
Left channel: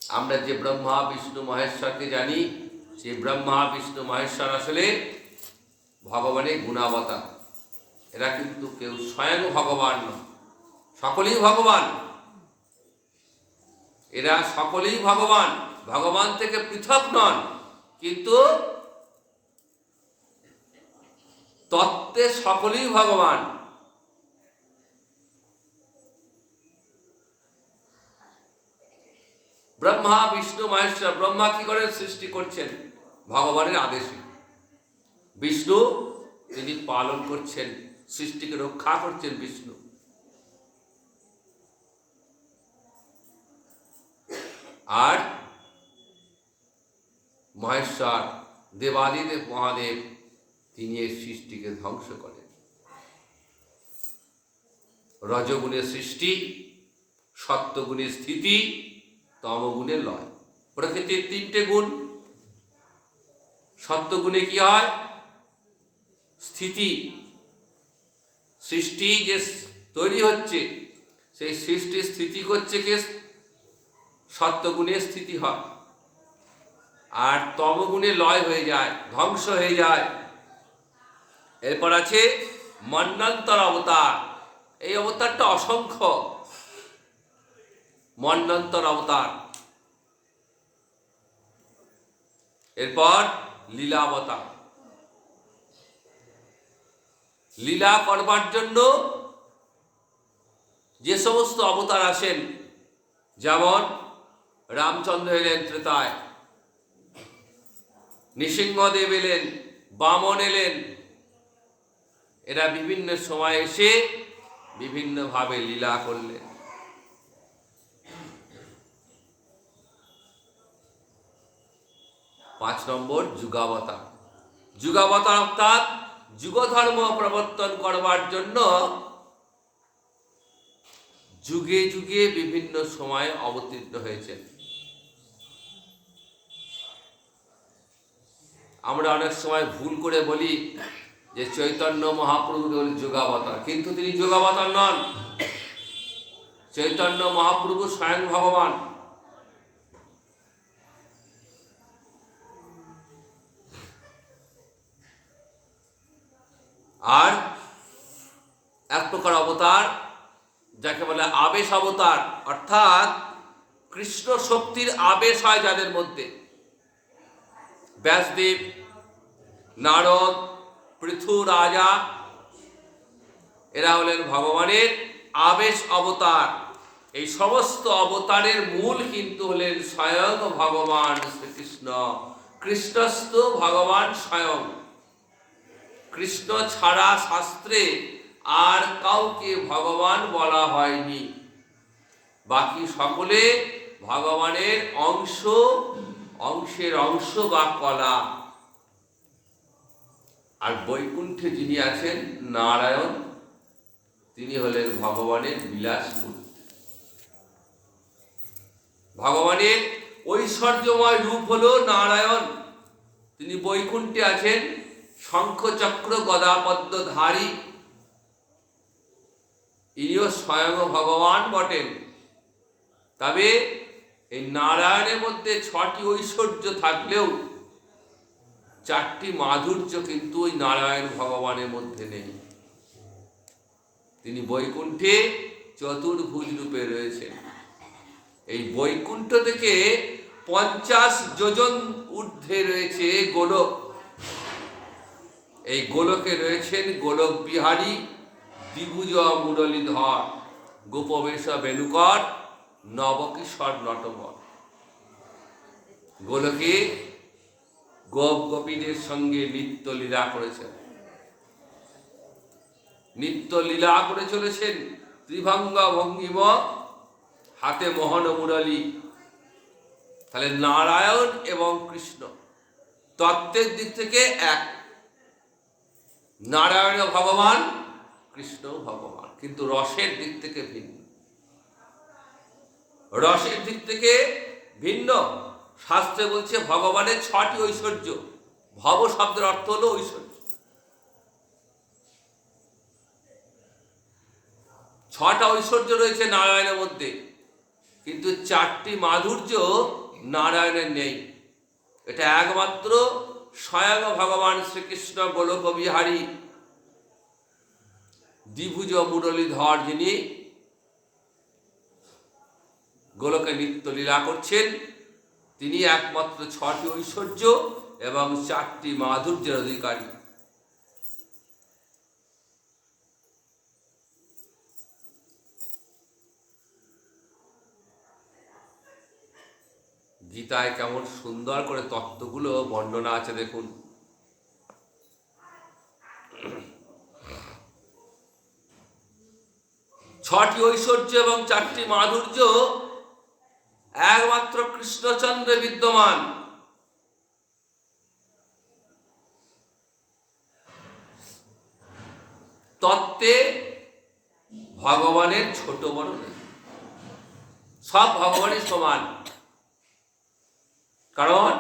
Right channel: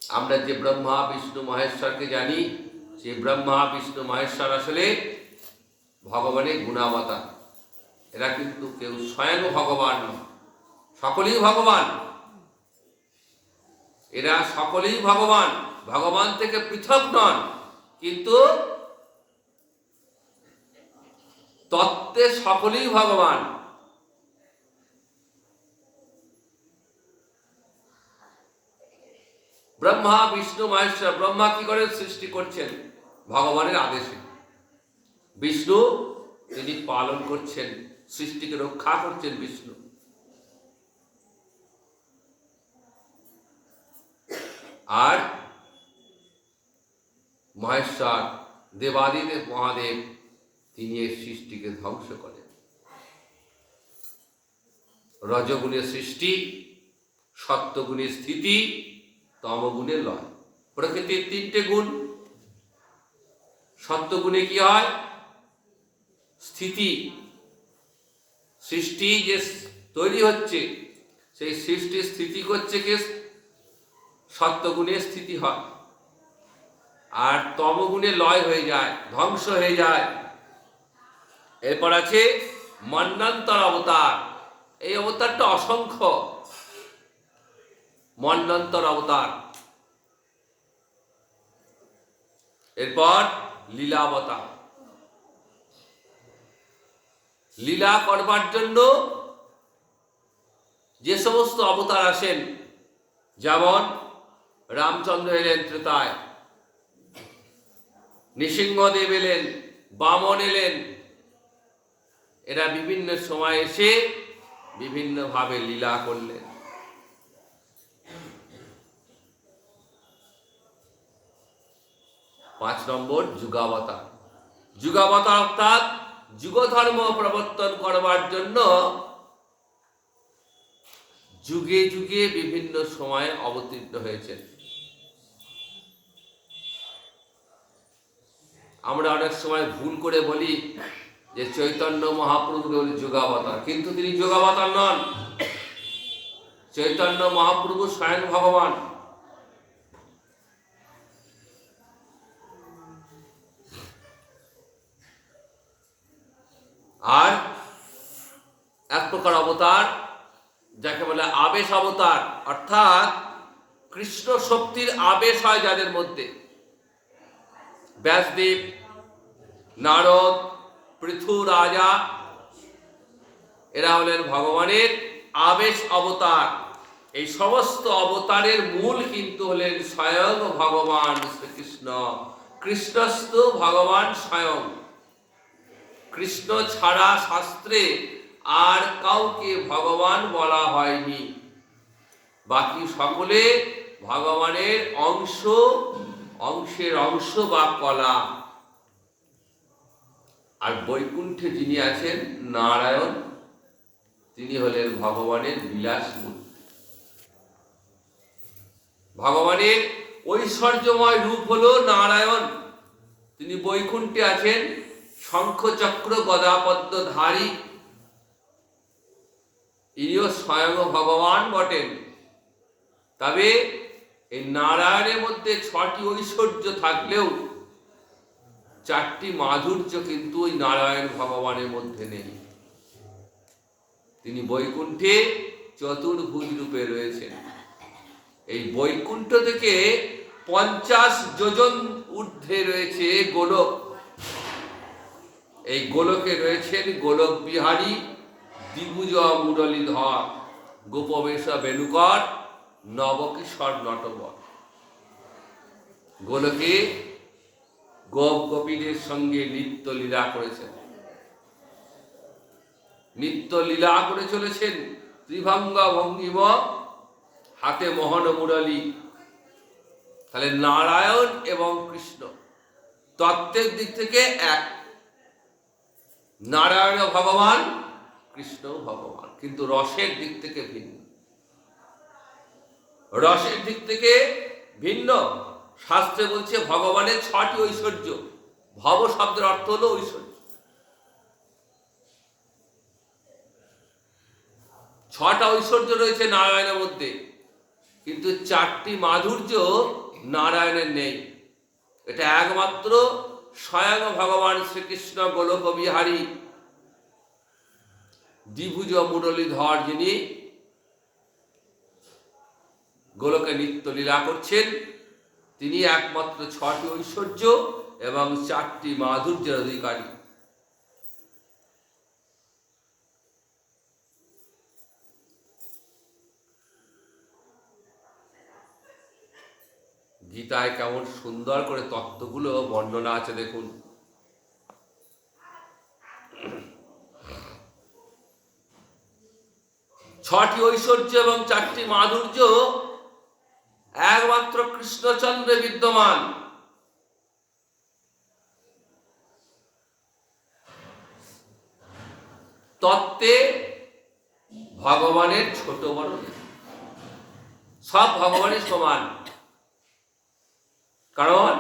আমরা যে ব্রহ্মা, বিষ্ণু, মহেশ্বরকে জানি, সেই ব্রহ্মা, বিষ্ণু, মহেশ্বর আসলে ভগবানের গুণাবতার। এরা কিন্তু কেউ স্বয়ং ভগবান নয়, সকলেই ভগবান। এরা সকলেই ভগবান, ভগবান থেকে পৃথক নন, কিন্তু তত্ত্বে সকলেই ভগবান। ব্রহ্মা, বিষ্ণু, মহেশ্বর। ব্রহ্মা কি করে? সৃষ্টি করছেন ভগবানের আদেশে। বিষ্ণু তিনি পালন করছেন, সৃষ্টিকে রক্ষা করছেন বিষ্ণু। আর মহেশ্বর দেবাদিদেব মহাদেব, তিনি এই সৃষ্টিকে ধ্বংস করেন। রজগুণের সৃষ্টি, সত্যগুণের স্থিতি, তমগুণের লয়। প্রকৃতির 3টে গুণ। সত্যগুণে কি হয়? স্থিতি। সৃষ্টি যে তৈরি হচ্ছে, সেই সৃষ্টির স্থিতি করছে কে? সত্যগুণের স্থিতি হয়। আর তমগুণে লয় হয়ে যায়, ধ্বংস হয়ে যায়। এরপর আছে মন্বন্তর অবতার। এই অবতারটা অসংখ্য, মন্বন্তর অবতার। এরপর লীলাবতার, লীলা করবার জন্য যে সমস্ত অবতার আসেন, যেমন রামচন্দ্র এলেন ত্রেতায়, নৃসিংহদেব এলেন, বামন এলেন, এরা বিভিন্ন সময় এসে বিভিন্নভাবে লীলা করলেন। 5 নম্বর যুগাবতার। যুগাবতার অর্থাৎ যুগধর্ম প্রবর্তন করবার জন্য যুগে যুগে বিভিন্ন সময়ে অবতীর্ণ হয়েছেন। আমরা অনেক সময় ভুল করে বলি যে চৈতন্য মহাপ্রভুকে বলি যুগাবতার, কিন্তু তিনি যুগাবতার নন। চৈতন্য মহাপ্রভু স্বয়ং ভগবান। আর এক প্রকার অবতার যাকে বলে আবেশ অবতার, অর্থাৎ কৃষ্ণ শক্তির আবেশ হয় যাদের মধ্যে। ব্যাসদেব, নারদ, পৃথু রাজা, এরা হলেন ভগবানের আবেশ অবতার। এই সমস্ত অবতারের মূল কিন্তু হলেন স্বয়ং ভগবান শ্রীকৃষ্ণ। কৃষ্ণস্থ ভগবান স্বয়ং। কৃষ্ণ ছাড়া শাস্ত্রে আর কাউকে ভগবান বলা হয়নি। বাকি সকলে ভগবানের অংশ, অংশের অংশ বা কলা। আর বৈকুণ্ঠে যিনি আছেন নারায়ণ, তিনি হলেন ভগবানের বিলাস মূর্তি। ভগবানের ঐশ্বর্যময় রূপ হল নারায়ণ। তিনি বৈকুণ্ঠে আছেন, শঙ্খ চক্র গদা পদ্মধারী। ইনিও স্বয়ং ভগবান বটেন। তবে এই নারায়ণের মধ্যে 6টি ঐশ্বর্য থাকলেও 4টি মাধুর্য কিন্তু ওই নারায়ণ ভগবানের মধ্যে নেই। তিনি বৈকুণ্ঠে চতুর্ভুজ রূপে রয়েছেন। এই বৈকুণ্ঠ থেকে 50 যোজন ঊর্ধ্বে রয়েছে গোলক। এই গোলকে রয়েছেন গোলক বিহারী, দ্বিভুজ মুরলীধর, গোপবেশ বেণুকর, নবকিশোর নটবর। গোলকে গোপ গোপীদের সঙ্গে নিত্য লীলা করেছেন, নিত্য লীলা করে চলেছেন। ত্রিভঙ্গ ভঙ্গিম, হাতে মোহন মুরলী। তাহলে নারায়ণ এবং কৃষ্ণ তত্ত্বের দিক থেকে এক। নারায়ণ ভগবান, কৃষ্ণ ভগবান, কিন্তু রসের দিক থেকে ভিন্ন। রসের দিক থেকে ভিন্ন। শাস্ত্রে বলছে ভগবানের 6টি ঐশ্বর্য। ভব শব্দের অর্থ হলো ঐশ্বর্য। 6টা ঐশ্বর্য রয়েছে নারায়ণের মধ্যে, কিন্তু 4টি মাধুর্য নারায়ণের নেই। এটা একমাত্র স্বয়ং ভগবান শ্রীকৃষ্ণ গোলক বিহারী, দ্বিভুজ মুরলীধর, যিনি গোলকে নিত্য লীলা করছেন, তিনি একমাত্র 6টি ঐশ্বর্য এবং 4টি মাধুর্যের অধিকারী। গীতায় কেমন সুন্দর করে তত্ত্বগুলো বর্ণনা আছে দেখুন। ছটি ঐশ্বর্য এবং 4টি মাধুর্য একমাত্র কৃষ্ণচন্দ্রে বিদ্যমান। তত্ত্বে ভগবানের ছোট বড় সব ভগবানের সমান। কারণ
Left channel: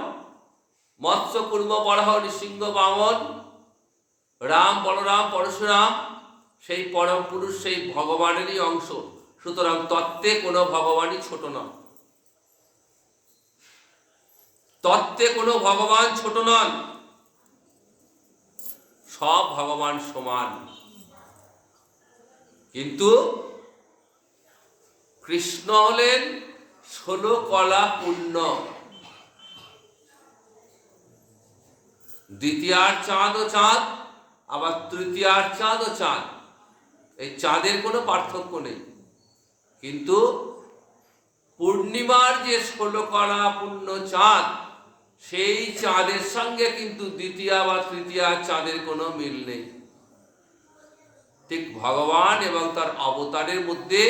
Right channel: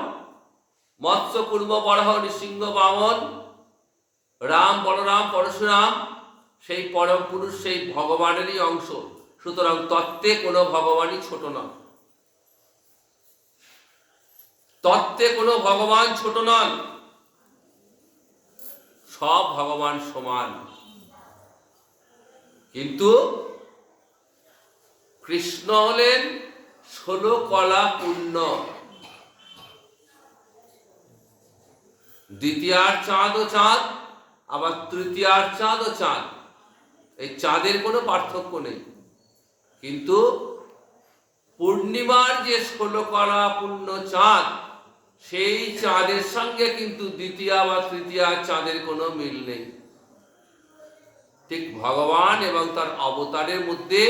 মৎস্য কুর্ম বরাহ নৃসিংহ বামন, রাম বলরাম পরশুরাম সেই পরম পুরুষ, সেই ভগবানেরই অংশ। সুতরাং তত্ত্বে কোনো ভগবানই ছোট নয়। তত্ত্বে কোনো ভগবান ছোট নন, সব ভগবান সমান। কিন্তু কৃষ্ণ হলেন 16 কলা পূর্ণ। দ্বিতীয়ার চাঁদও চাঁদ, আবার তৃতীয়ার চাঁদও চাঁদ, এই চাঁদের কোনো পার্থক্য নেই। কিন্তু পূর্ণিমার যে 16 কলা পূর্ণ চাঁদ, সেই চাঁদের সঙ্গে কিন্তু দ্বিতীয় বা তৃতীয় চাঁদের কোনো মিল নেই। ঠিক ভগবান এবং তার অবতারের মধ্যে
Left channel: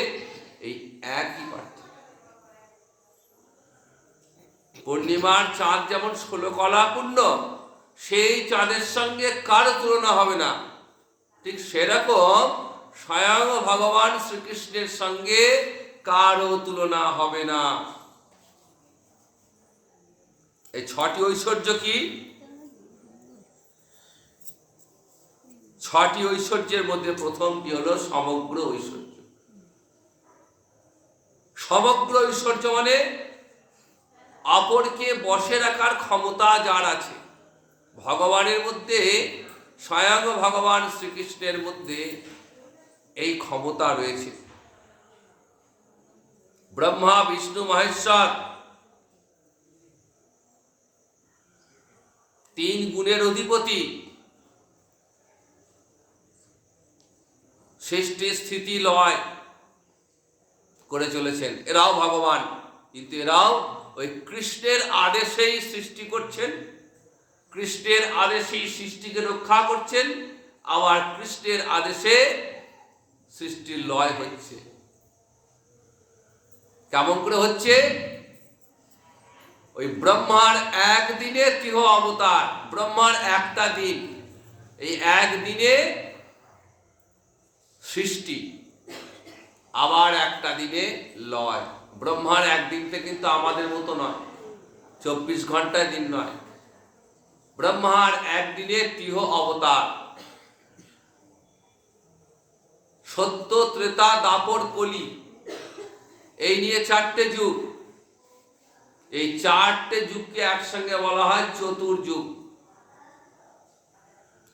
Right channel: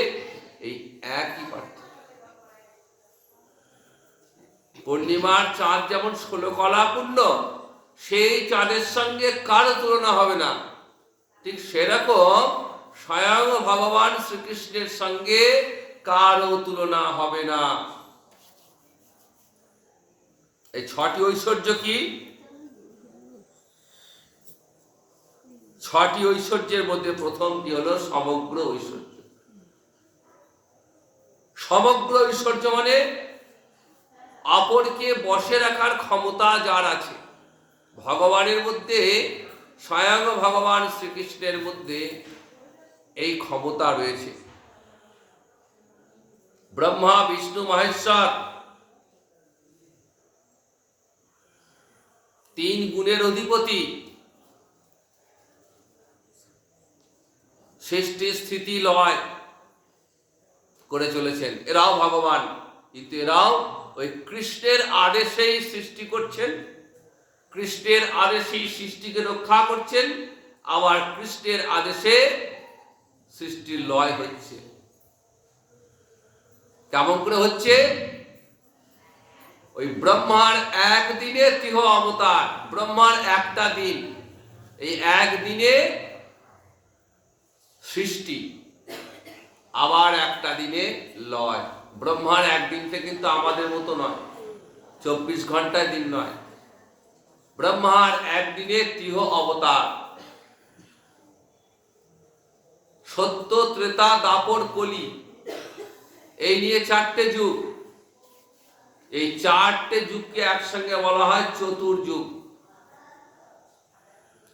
এই একই পার্থক্য। পূর্ণিমার চাঁদ যেমন 16 কলা পূর্ণ, সেই চাঁদের সঙ্গে কারো তুলনা হবে না। ঠিক সেরকম স্বয়ং ভগবান শ্রীকৃষ্ণের সঙ্গে কারো তুলনা হবে না। এই 6টি ঐশ্বর্য কি? 6টি ঐশ্বর্যের মধ্যে প্রথমটি হলো সমগ্র ঐশ্বর্য। সমগ্র ঐশ্বর্য মানে অপরকে বশে রাখার ক্ষমতা যার আছে। ভগবানের মধ্যে, স্বয়ং ভগবান শ্রীকৃষ্ণের মধ্যে এই ক্ষমতা রয়েছে। ব্রহ্মা বিষ্ণু মহেশ্বর 3 গুণের অধিপতি, সৃষ্টি স্থিতি লয় করে চলেছেন। এরাও ভগবান, কিন্তু এরাও ওই কৃষ্ণের আদেশেই সৃষ্টি করছেন, কৃষ্ণের আদেশেই সৃষ্টিকে রক্ষা করছেন, আবার কৃষ্ণের আদেশে সৃষ্টির লয় হচ্ছে। কেমন করে হচ্ছে? ওই ব্রহ্মার একদিনে 3 অবতার, ব্রহ্মার একটা দিন, এই একদিনে সৃষ্টি, আবার একটা দিনে লয়। ব্রহ্মার একদিনটা কিন্তু আমাদের মতো নয়, 24 ঘন্টার দিন নয়। ব্রহ্মার একদিনে 3 অবতার, সত্য ত্রেতা দাপর কলি, এই নিয়ে 4টে যুগ। এই 4টে যুগকে একসঙ্গে বলা হয় চতুর্যুগ।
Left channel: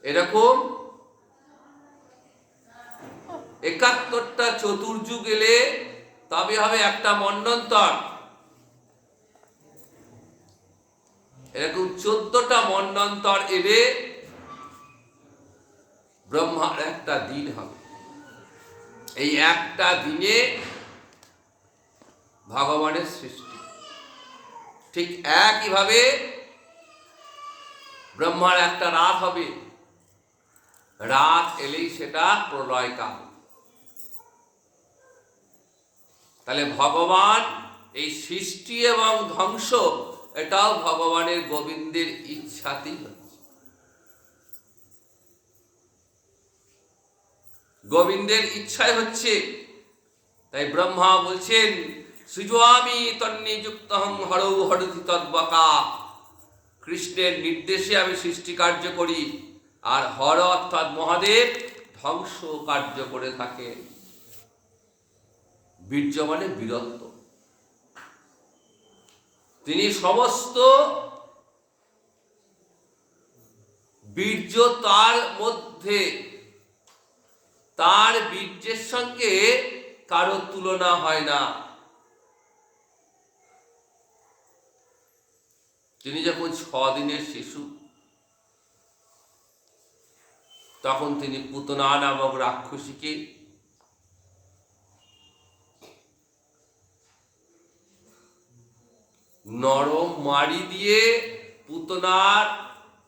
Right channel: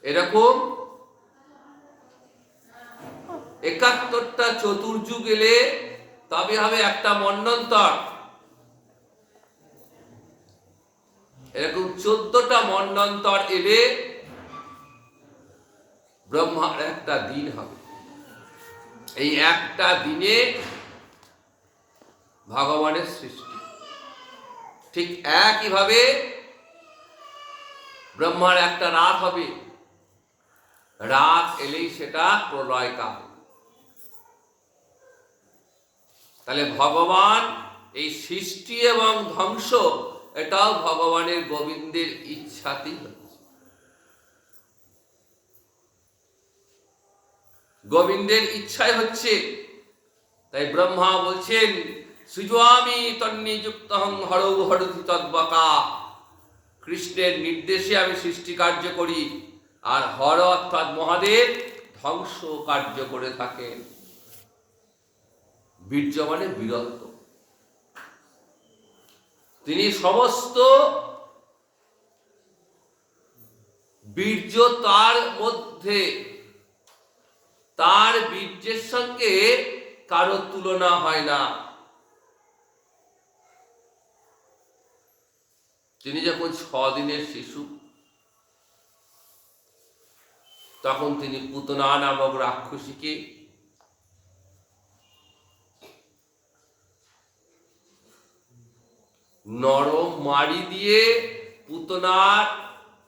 এরকম 71টা চতুর্যুগ এলে তবে হবে একটা মন্বন্তর। এরকম 14টা মন্বন্তর এলে ব্রহ্মার একটা দিন হবে। এই একটা দিনে ভগবানের সৃষ্টি। ঠিক একইভাবে ব্রহ্মার একটা রাত হবে, রাত এলেই সেটা প্রলয় কাল। তাহলে ভগবান এই সৃষ্টি এবং ধ্বংস, এটাও ভগবানের গোবিন্দের ইচ্ছাতেই হচ্ছে। গোবিন্দের ইচ্ছায় হচ্ছে। তাই ব্রহ্মা বলছেন, সৃজামি তন্নিযুক্তহং হরৌ হরতি তদ্বকা। কৃষ্ণের নির্দেশে আমি সৃষ্টি কার্য করি, আর হর অর্থাৎ মহাদেব ধ্বংস কার্য করে থাকেন। বীর্য মানে বীরত্ব। তিনি সমস্ত বীর্য তার মধ্যে, তার বীর্যের সঙ্গে কারো তুলনা হয় না। তিনি যখন 6 দিনের শিশু, তখন তিনি পুতনা নামক রাক্ষসীকে নরম মাড়ি দিয়ে পুতনার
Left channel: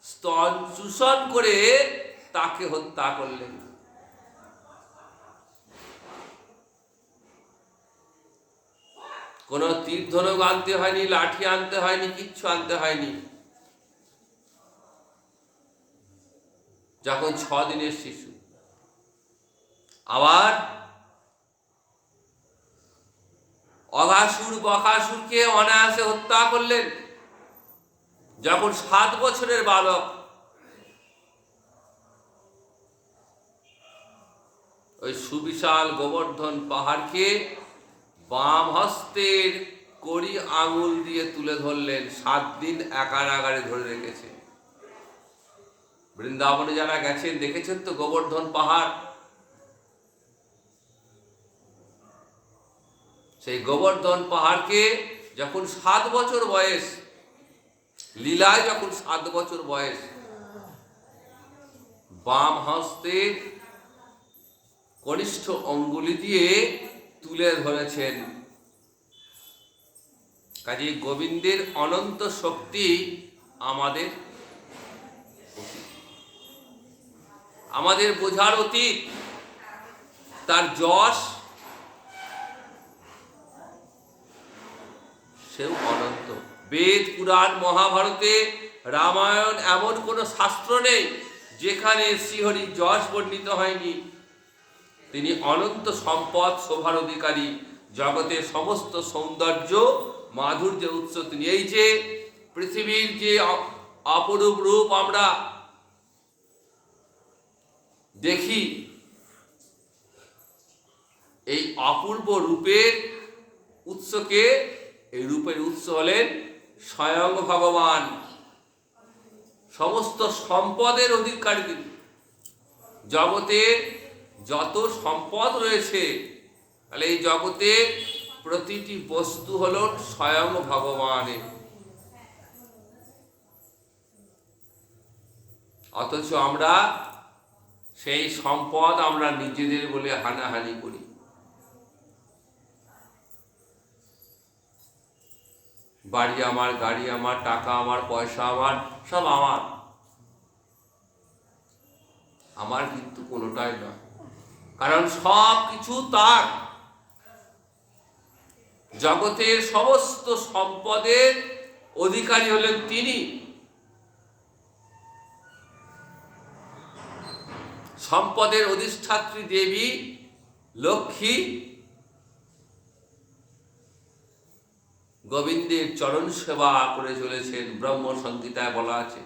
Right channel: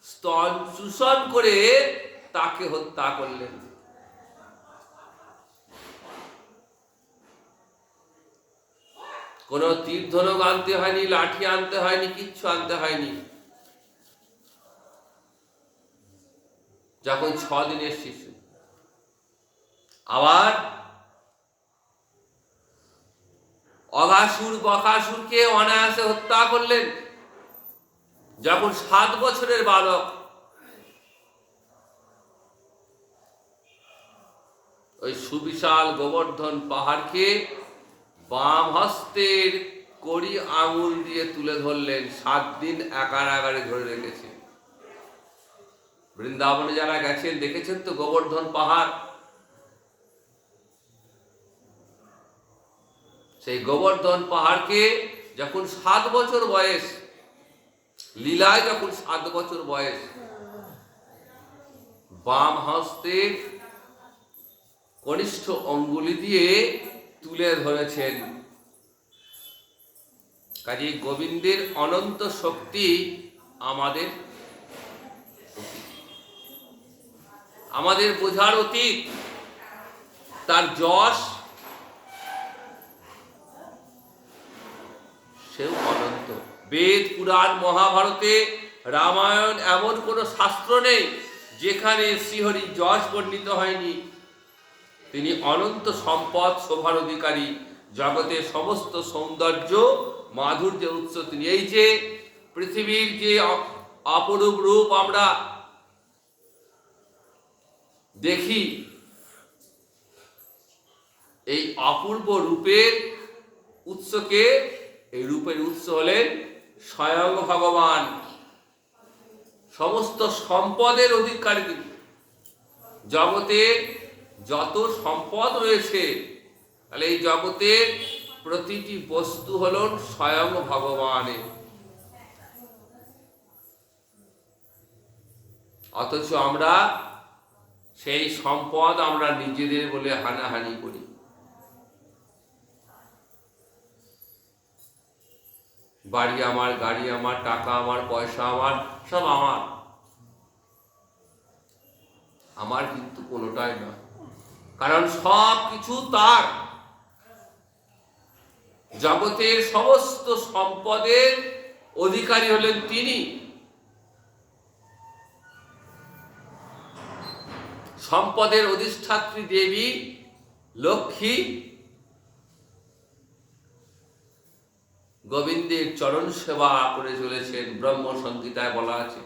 স্তন চূষণ করে তাকে হত্যা করলেন। কোনো তীর ধনুক আনতে হয়নি, লাঠি আনতে হয়নি, কিচ্ছু আনতে হয়নি। যখন 6 দিনের শিশু। আবার অঘাসুর বকাসুরকে অনায়াসে হত্যা করলেন যখন 7 বছরের বালক। ওই সুবিশাল গোবর্ধন পাহাড়কে বাম হস্তের কড়ি আঙুল দিয়ে তুলে ধরলেন, 7 দিন একারাগারে ধরে রেখেছে। বৃন্দাবনে যারা গেছেন দেখেছেন তো গোবর্ধন পাহাড়। সেই গোবর্ধন পাহাড়কে যখন 7 বছর বয়স, লীলায় যখন 7 বছর বয়স, বাম হস্তে কনিষ্ঠ অঙ্গুলি দিয়ে তুলে ধরেছেন। কাজে গোবিন্দের অনন্ত শক্তি আমাদের বোঝার অতীত। তার যশ সেও অনন্ত। বেদ, পুরাণ, মহাভারতে, রামায়ণ এমন কোন শাস্ত্র নেই যেখানে শ্রীহরির যশ বর্ণিত হয়নি। তিনি অনন্ত সম্পদ, শোভার অধিকারী, জগতের সমস্ত সৌন্দর্য, মাধুর্য উৎস তিনি। এই যে পৃথিবীর যে অপরূপ রূপ আমরা দেখি, এই অপূর্ব রূপের উৎসকে, এই রূপের উৎস হলেন স্বয়ং ভগবান। সমস্ত সম্পদের অধিকারী তিনি। জগতের যত সম্পদ রয়েছে, তাহলে এই জগতের প্রতিটি বস্তু হল স্বয়ং ভগবানের। অথচ আমরা সেই সম্পদ আমরা নিজেদের বলে হানাহানি করি। বাড়ি আমার, গাড়ি আমার, টাকা আমার, পয়সা আমার, সব আমার। আমার কিন্তু কোনোটাই নয়, কারণ সব কিছু তার। জগতের সমস্ত সম্পদের অধিকারী হলেন তিনি। সম্পদের অধিষ্ঠাত্রী দেবী লক্ষ্মী গোবিন্দের চরণ সেবা করে চলেছেন, ব্রহ্ম সংহিতায় বলা আছে।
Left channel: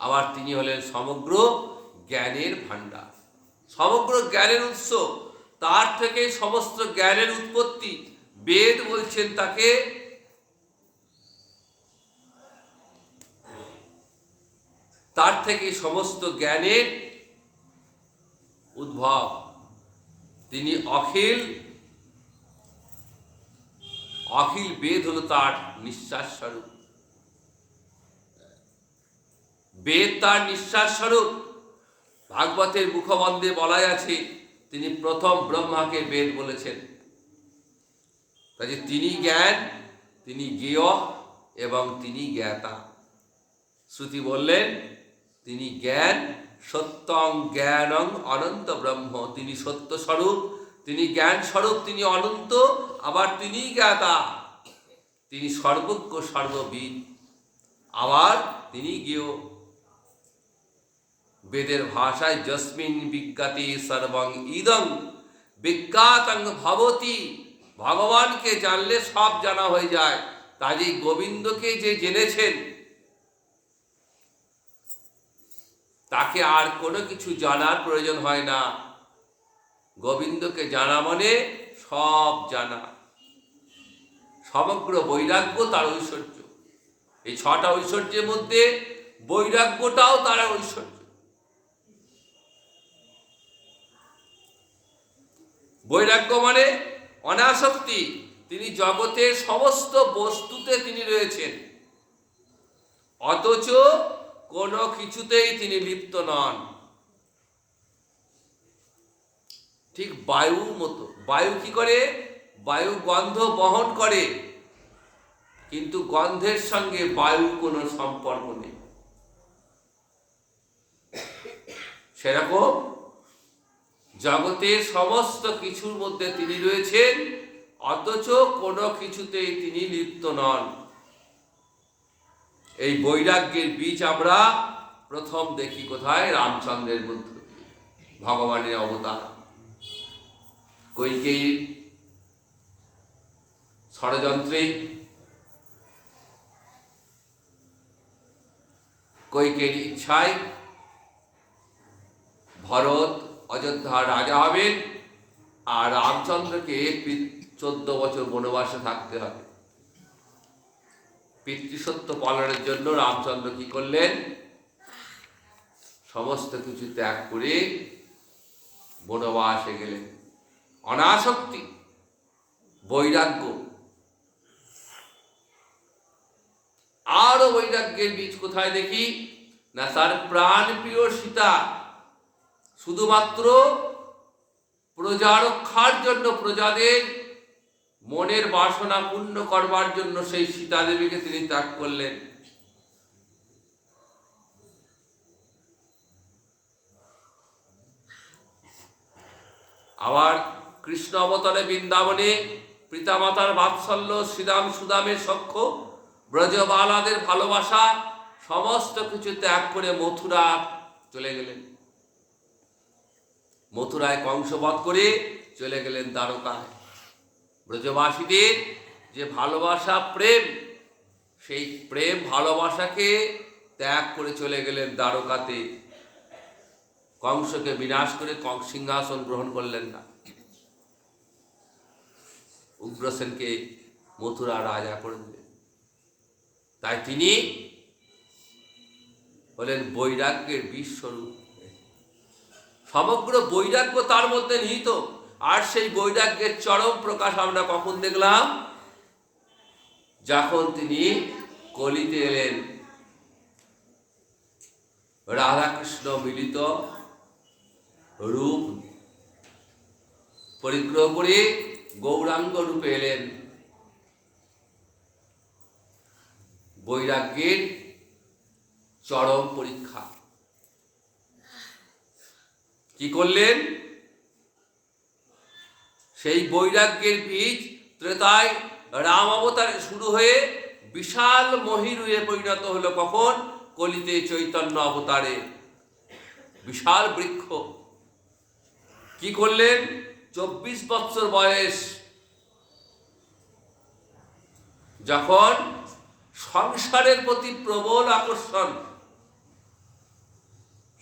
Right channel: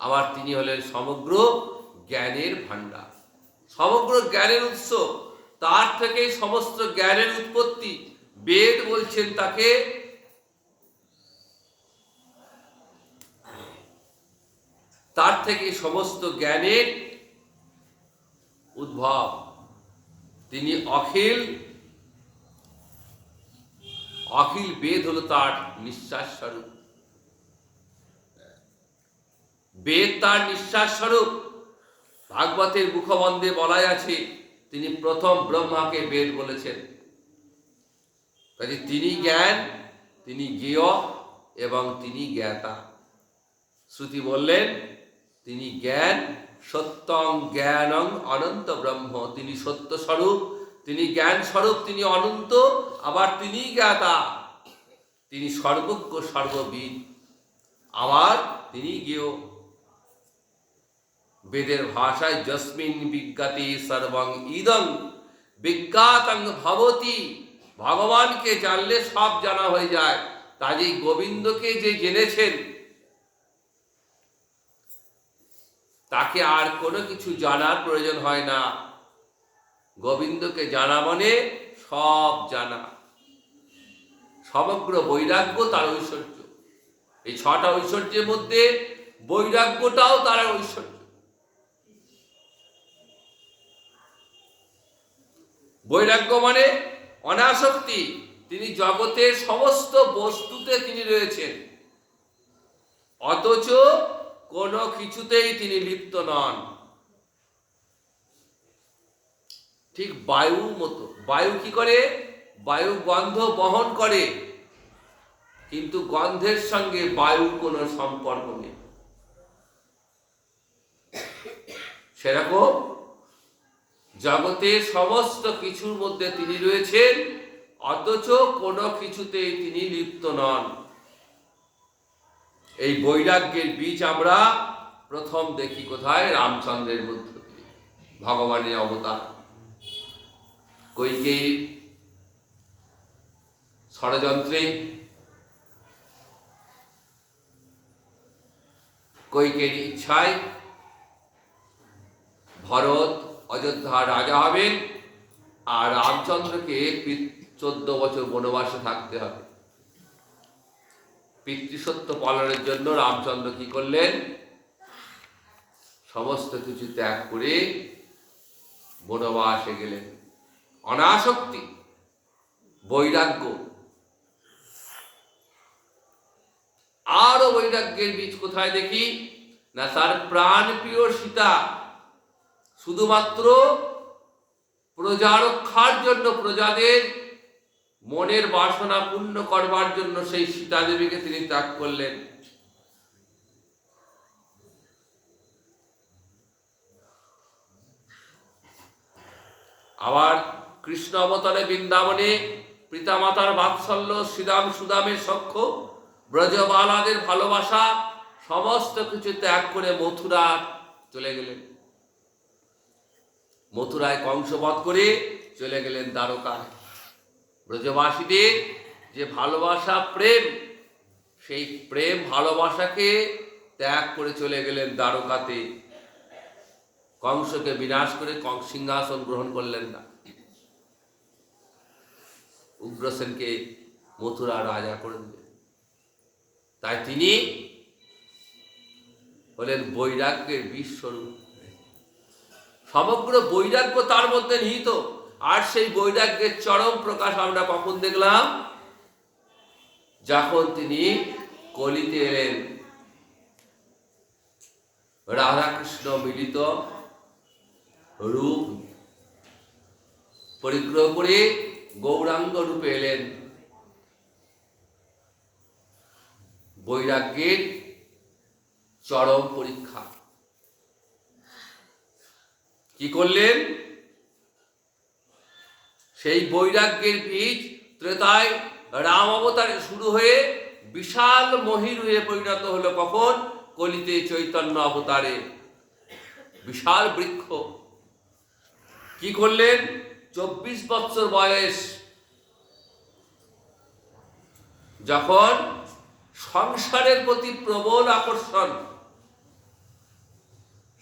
আবার তিনি হলেন সমগ্র জ্ঞানের ভাণ্ডার, সমগ্র জ্ঞানের উৎস। তার থেকে সমস্ত জ্ঞানের উৎপত্তি। বেদ বলছেন তাকে তার থেকে সমস্ত জ্ঞানের উদ্ভব। তিনি অখিল, অখিল বেদ হল তার নিঃশ্বাস স্বরূপ। বেদ তার নিঃশ্বাস স্বরূপ। ভাগবতের মুখবন্ধে বলাই আছে তিনি প্রথম ব্রহ্মাকে বেদ বলেছেন। কাজে তিনি জ্ঞান, তিনি জ্ঞেয় এবং তিনি জ্ঞাতা। শ্রুতি বললেন তিনি জ্ঞান, সত্যং জ্ঞানং অনন্ত ব্রহ্ম। তিনি সত্য স্বরূপ, তিনি জ্ঞান স্বরূপ, তিনি অনন্ত, আবার তিনি জ্ঞাতা, তিনি সর্বজ্ঞ সর্ববিদ, আবার তিনি জ্ঞেয়। বেদের ভাষায় যস্মিন বিজ্ঞাতি সর্বং ইদং বিজ্ঞাতং ভবতি। ভগবানকে জানলে সব জানা হয়ে যায়। কাজেই গোবিন্দকে যে জেনেছেন তাকে আর কোনো কিছু জানার প্রয়োজন হয় না। গোবিন্দকে জানা মানে সব জানা। সমগ্র বৈরাগ্য তার ঐশ্বর্য। এই 6টা ঐশ্বর্যের মধ্যে বৈরাগ্যটাও তার ঐশ্বর্য। বৈরাগ্য মানে অনাসক্তি। তিনি জগতের সমস্ত বস্তুতে তিনি রয়েছেন, অথচ কোনো কিছুতেই তিনি লিপ্ত নন। ঠিক বায়ুর মতো। বায়ু কি করে? বায়ু গন্ধ বহন করে, কিন্তু গন্ধের সঙ্গে বায়ুর কোনো সম্পর্ক নেই। সেরকম জগতের সমস্ত কিছুর মধ্যে তিনি রয়েছেন, অথচ কোনো কিছুতেই তিনি লিপ্ত নন। এই বৈরাগ্যের বীজ আমরা প্রথম দেখি কোথায়? রামচন্দ্রের মধ্য দিয়ে। ভগবানের অবতার। কৈকেয়ীর ষড়যন্ত্রে, কৈকেয়ীর ইচ্ছায় ভরত অযোধ্যার রাজা হবেন, আর রামচন্দ্রকে 14 বছর বনবাসে থাকতে হবে। পিতৃসত্য পালনের জন্য রামচন্দ্র কি করলেন? সমস্ত কিছু ত্যাগ করে বনবাসে গেলেন। অনাসক্তি, বৈরাগ্য। আরো বৈরাগ্যের বীজ কোথায় দেখি না? তার প্রাণ প্রিয় সীতা শুধুমাত্র প্রজা রক্ষার জন্য, প্রজাদের মনের বাসনা পূর্ণ করবার জন্য সেই সীতা দেবীকে তিনি ত্যাগ করলেন। আবার কৃষ্ণ অবতারে বৃন্দাবনে পিতামাতার বাৎসল্য, শ্রীরাম সুদামের সখ্য, ব্রজবালাদের ভালোবাসা সমস্ত কিছু ত্যাগ করে মথুরা চলে গেলেন। মথুরায় কংসবধ করে চলে গেলেন দ্বারকায়। ব্রজবাসীদের যে ভালোবাসা, প্রেম, সেই প্রেম ভালোবাসাকে ত্যাগ করে চলে গেলেন দ্বারকাতে। কংসকে বিনাশ করে সিংহাসন গ্রহণ করলেন না। উগ্রসেনকে মথুরা রাজা করে দিলেন। তাই তিনি হলেন বৈরাগ্যের বিশ্বরূপ। সমগ্র বৈরাগ্য তার মধ্যে নিহিত। আর সেই বৈরাগ্যের চরম প্রকাশ আমরা কখন দেখলাম? যখন তিনি কলিতে এলেন। রাধাকৃষ্ণ মিলিত রূপ পরিগ্রহ করে গৌরাঙ্গ রূপে এলেন। বৈরাগ্যের চরম পরীক্ষা। কি করলেন? সেই বৈরাগ্যের বীজ ত্রেতায় রাম অবতারে শুরু হয়ে বিশাল মহিরুহে পরিণত হলো কখন? কলিতে চৈতন্য অবতারে। বিশাল বৃক্ষ। কি করলেন? 24 বছর বয়স যখন সংসারের প্রতি প্রবল আকর্ষণ,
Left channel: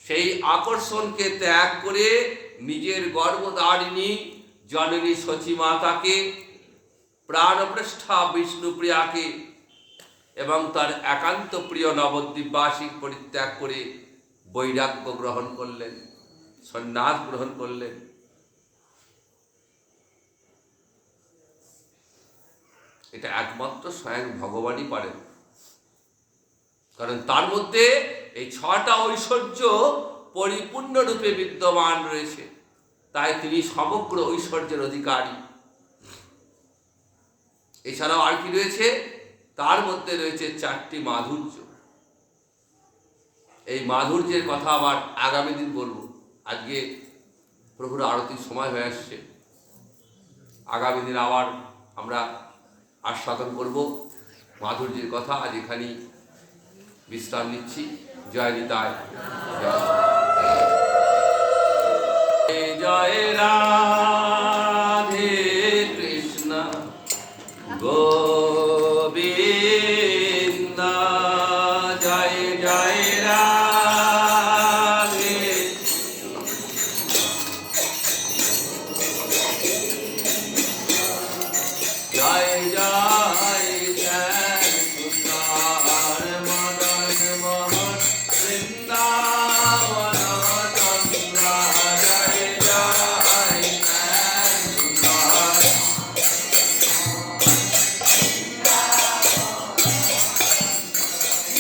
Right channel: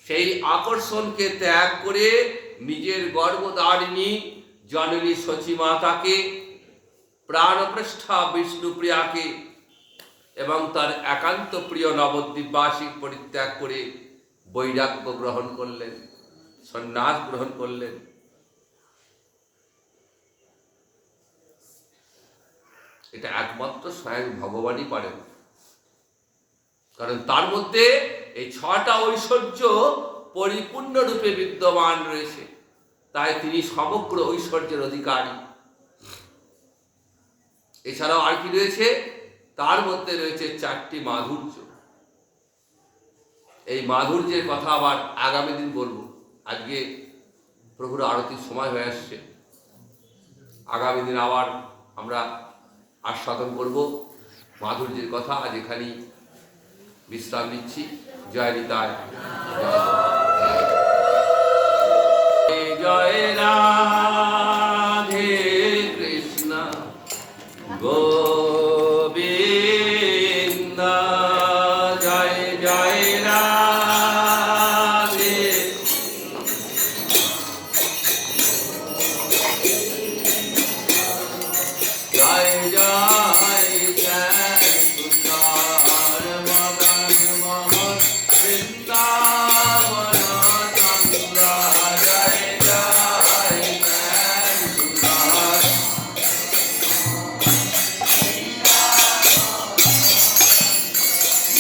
সেই আকর্ষণকে ত্যাগ করে নিজের গর্ভধারিণী জননী সচিমাতাকে, প্রাণপ্রেষ্ঠা বিষ্ণুপ্রিয়াকে এবং তার একান্ত প্রিয় নবদ্বীপবাসী পরিত্যাগ করে বৈরাগ্য গ্রহণ করলেন, সন্ন্যাস গ্রহণ করলেন। এটা একমাত্র স্বয়ং ভগবানই পারেন। কারণ তার মধ্যে এই 6টা ঐশ্বর্য পরিপূর্ণ রূপে বিদ্যমান রয়েছে। তাই তিনি সমগ্র ঐশ্বর্যের অধিকারী। এছাড়াও আর কি রয়েছে? তার মধ্যে রয়েছে 4টি মাধুর্য। এই মাধুর্যের কথা আবার আগামী দিন বলবো। আজকে প্রভুর আরতির সময় হয়ে আসছে। আগামী দিন আবার আমরা আস্বাদন করব মাধুর্যের কথা। আজ এখানেই বিশ্রাম নিচ্ছি। জয় নিতাই। জয় রাধে কৃষ্ণ গোবিন্দ। জয় জয় রাধে। জয় জয় জয় তুষার মদন মোহন বৃন্দাবন চন্দ্র। জয় জয় জয় তুষার।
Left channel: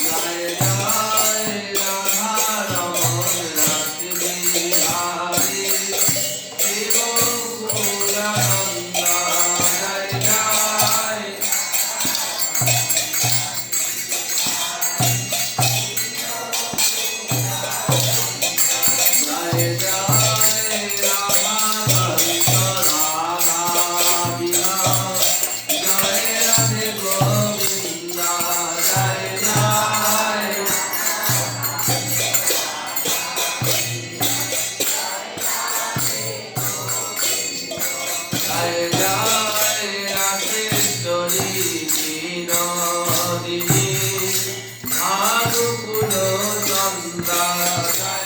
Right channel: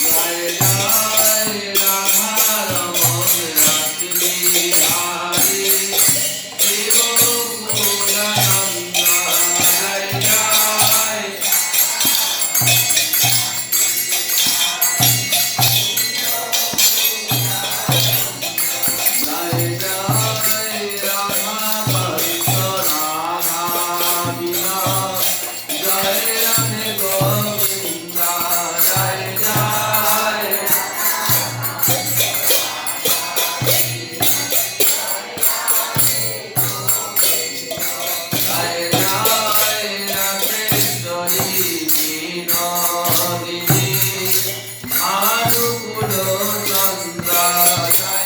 জয় জয় রাধা রমন রাসবিহারী শিব কুলানন্দ। জয় জয়। জয় জয় রাধা বংশ রাধা বিনা। জয় রাধে গোবিন্দ। জয় জয়। জয় জয় রাধেশ্বরী বিনোদিনী ভানুকুল চন্দ্র। জয়